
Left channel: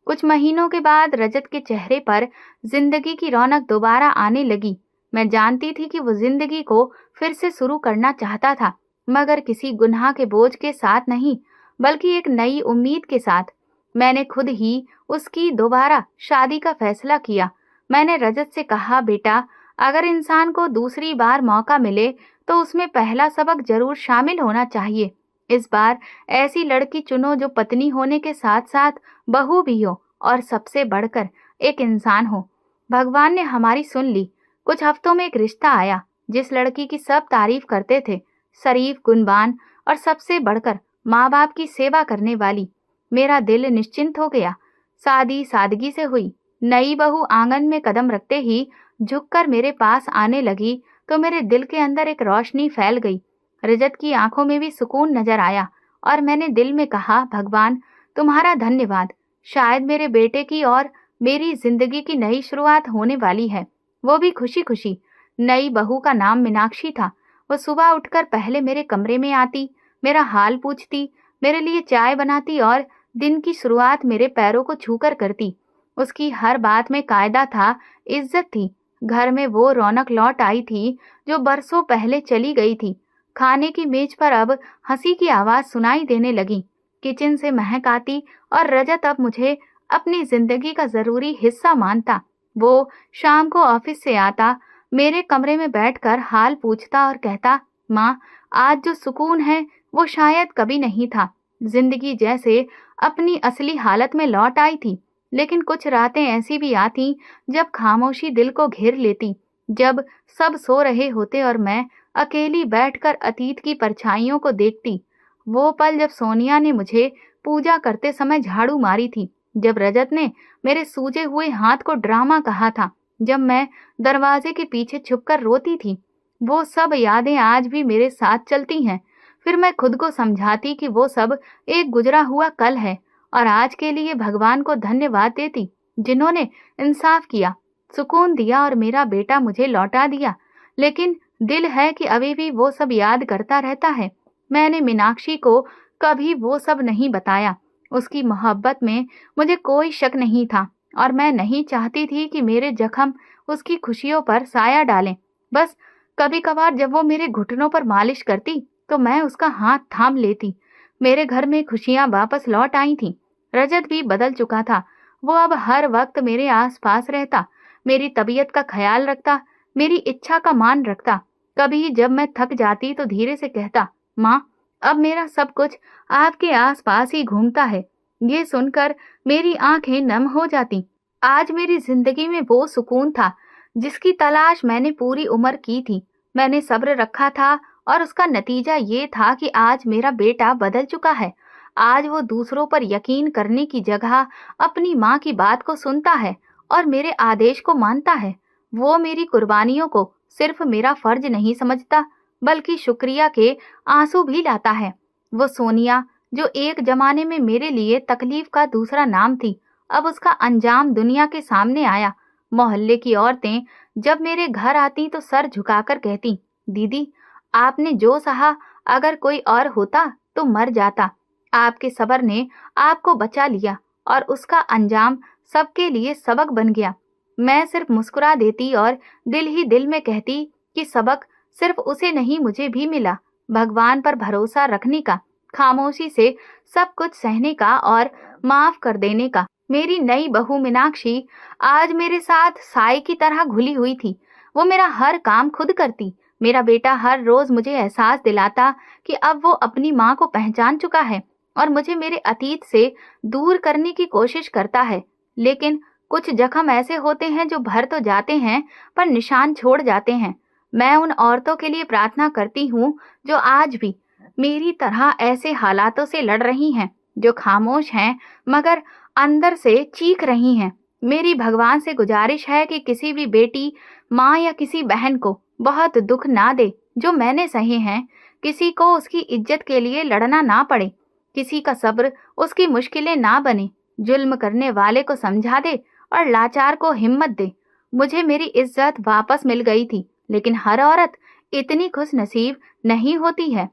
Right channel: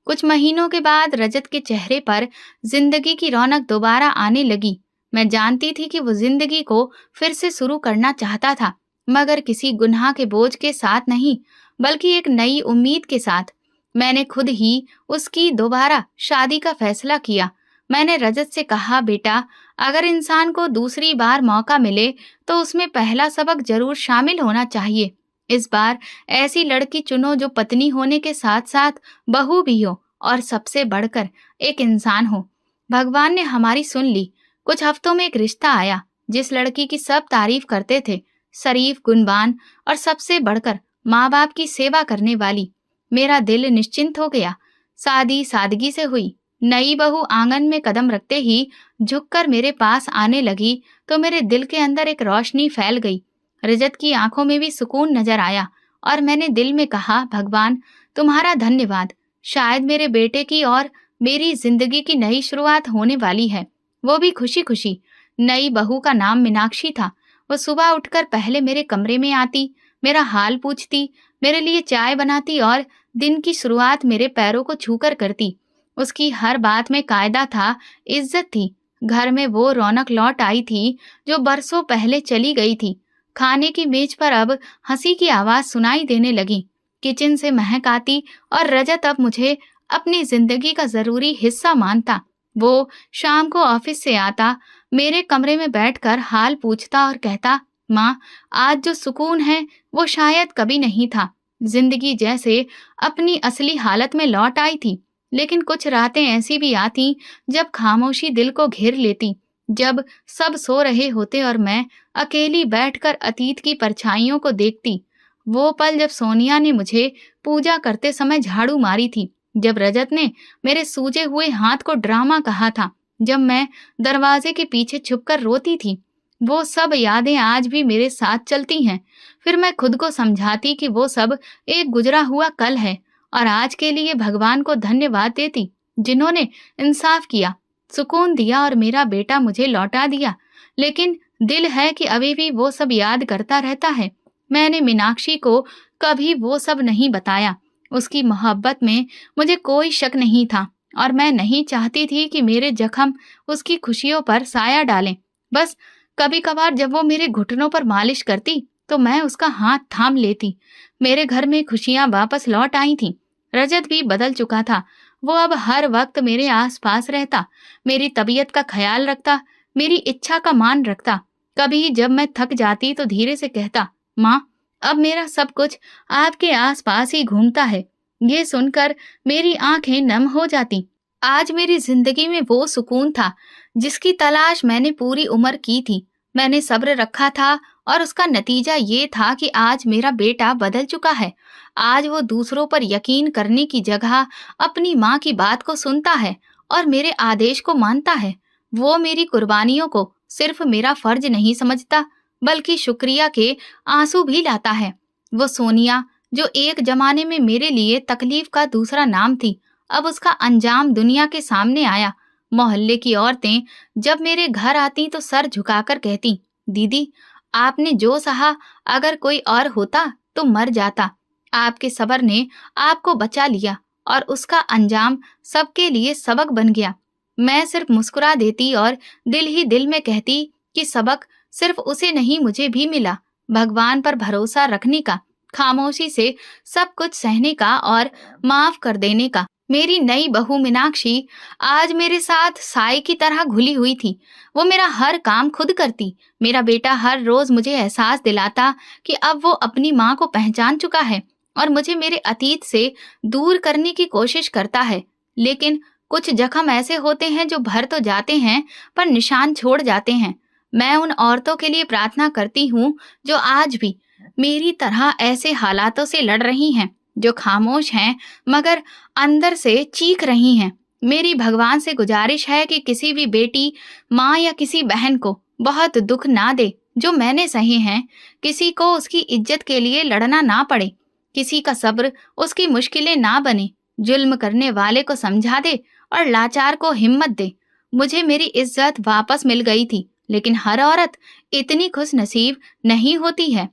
कुछ महीनों के बाद रजत के चेहरे पर जिंदगी की रौनक दोबारा आने लगी। मैं जानती थी कि वो जिंदगी को फिर से शुरू करना चाहता था, मगर किसी गुनाह के बोझ के साथ नहीं, बल्कि एक नई उम्मीद के साथ। मैंने खुद ही उसकी दोबारा शादी का फैसला किया। मैंने रजत से कहा, बेटा, अगर इंसान को दूसरी बार मौका मिले तो उसमें पहला सबक जरूर शामिल होना चाहिए। इस बार ऐसी लड़की चुनो जो पत्नी होने के साथ साथ बहू भी हो, और सबसे बढ़कर एक इंसान हो। भगवान ने हमारी सुन ली। कुछ हफ्तों में एक रिश्ता आया, जिस लड़की की सब तारीफ करते थे, शरीफ, गुणवान और सबसे बढ़कर माँ बाप की सेवा करने वाली। मेरा दिल निश्चिंत हो गया। शादी सादगी से हुई। नई बहू आंगन में कदम रखते ही झुककर मेरे पास आने लगी तो मेरे दिल के अंदर एक रोशनी फैल गई। रजत की आंखों में भी सुकून नजर आया और मैंने दिल में कहा, भगवान, तुम्हारा धन्यवाद। शायद मेरे बेटे की और मेरी जिंदगी की नई शुरुआत होने वाली है। वो भी खुशी खुशी। नई बहू का नाम मीनाक्षी था। वो सुबह उठकर पहले मेरे कमरे में आती, मेरा हाल पूछती, मेरे लिए चाय बनाती और दिन की शुरुआत मेरे पैरों को छूकर करती। उसकी हर बात में कायदा था, इज्जत थी। घर में वो रौनक लौट आई थी जो बरसों पहले चली गई थी। खाने की मेज पर अब हंसी की आवाज सुनाई देने लगी। किचन से महक आती और रजत अब मुझे अपनी जिंदगी का जरूरी हिस्सा मानता। वो शाम को ऑफिस से आता, मेरे कमरे में बैठकर हाल पूछता और कहता, माँ, आज जो सुकून है वो शायद कभी नहीं था। जिंदगी जैसे अपनी असली हालत में लौट आई थी। लेकिन कुछ रातें ऐसी भी आती जब खामोशी दिल को घेर लेती, जब सब सो रहे होते और मैं अकेली बैठकर अतीत की परछाइयों को देखती। वो पल जब सोनिया ने मुझे पूजा करते समय झाड़ू मारी थी, जब रजत ने मेरे सूजे हुए हाथ को ड्रामा कहा था, जब मैं दरवाजे के पीछे छुपकर रोती थी। वो सब यादें आज भी मेरे साथ चलती हैं। फिर मैं खुद को समझाती कि वो सब एक गुजरा हुआ कल है और आज के लिए भगवान को धन्यवाद देती, जिन्होंने इंसाफ किया, सुकून दिया और मेरा बेटा मुझे लौटा दिया। लेकिन दिल है कि अभी भी वो सब याद करता रहता है। मैंने मीनाक्षी को कभी वो सब नहीं बताया। उसकी मोहब्बत में मुझे कोई शक नहीं था और मैं नहीं चाहती थी कि मेरे जख्म उसकी खुशियों पर साया डालें। बस कभी कभार जब वो मेरे घुटनों पर मालिश करती तो मैं उसका हाथ थाम लेती। मेरे घर में खुशियां वापस लौट आई थीं। रजत भी बदल चुका था। वो अब हर वक्त मेरे आसपास रहता, मेरी तबीयत का ख्याल रखता, मेरी इच्छा का मान रखता। कभी जब मैं थक जाती तो धीरे से कहता, माँ, अब मेरा सब कुछ आपके आसपास ही घूमता है। ये सुनकर मेरी आंखें नम हो जाती। आज मेरी जिंदगी में वो सुकून था जिसकी तलाश मैंने पूरी उम्र की थी। मैंने सब्र रखा था और उसका नतीजा ये था कि आज मेरा बेटा बदल चुका है। आज वो दूसरों पर यकीन करने की जगह अपनी माँ की बात को सुनता है और मेरे आदेश को मानता है। वो मेरी कुर्बानियों को सिर्फ मेरा फर्ज नहीं समझता, बल्कि शुक्रिया के आंसू भी लाता है। वो सोनिया, जो एक जमाने में मेरे लिए तकलीफ का दूसरा नाम थी, अब उसका अंजाम दुनिया के सामने आया। मोहल्ले की औरतें जब मेरे घर आती तो सर झुकाकर कहती, दीदी, आपने जो सहा, अगर कोई और होता तो मर जाता। आपके सब्र ने आपको बचा लिया और उसका अंजाम सबके लिए सबक बन गया। मैं सिर्फ मुस्कुरा देती और दिल ही दिल में कहती कि सबक सिर्फ उसे नहीं, मुझे भी मिला। भगवान पर भरोसा रखने का, खामोशी से सब कुछ सहने का और माफ कर देने का। मेरी नई बहू मीनाक्षी आज मेरे साथ साई की तरह घुली हुई थी। वो मेरा हर काम खुद करती। मेरा बेटा हर रोज मुझे एहसास दिलाता कि अब वो अपनी माँ को पहचान चुका है और मुझे मेरे अतीत से दूर करने की कोशिश करता है। लेकिन कुछ जख्म ऐसे होते हैं जो भर तो जाते हैं, पर निशान छोड़ जाते हैं। मैं उन औरतों के लिए प्रार्थना करती हूँ जो आज भी मेरी तरह ऐसे हालातों से लड़ रही हैं, जो खामोश हैं मगर अंदर से चीख रही हैं। मेरी भगवान से गुजारिश है कि किसी भी बेटी, माँ या किसी बहन को बहुत दुख ना दे जो मैंने सहे हैं। किसी को उसकी इज्जत के लिए लड़ना ना पड़े, किसी का सब्र उसकी मुश्किलें ना बने। जुल्म करने वाले को समझा दे और लाचार को हिम्मत दे। मुझे मेरी इज्जत वापस मिल गई थी, लेकिन हर औरत इतनी खुश नसीब नहीं होती है।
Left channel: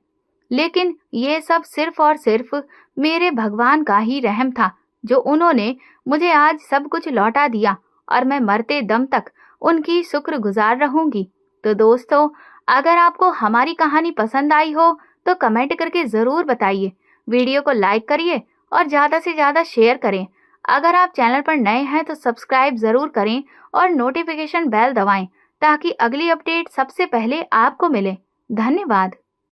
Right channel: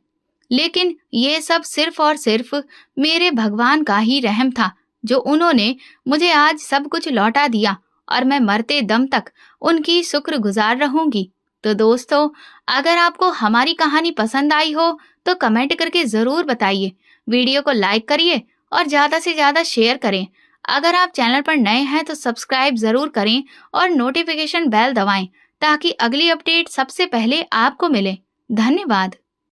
लेकिन ये सब सिर्फ और सिर्फ मेरे भगवान का ही रहम था, जो उन्होंने मुझे आज सब कुछ लौटा दिया, और मैं मरते दम तक उनकी शुक्रगुजार रहूंगी। तो दोस्तों, अगर आपको हमारी कहानी पसंद आई हो तो कमेंट करके ज़रूर बताइए। वीडियो को लाइक करिए और ज़्यादा से ज़्यादा शेयर करें। अगर आप चैनल पर नए हैं तो सब्सक्राइब ज़रूर करें और नोटिफिकेशन बेल दबाएं, ताकि अगली अपडेट सबसे पहले आपको मिले। धन्यवाद।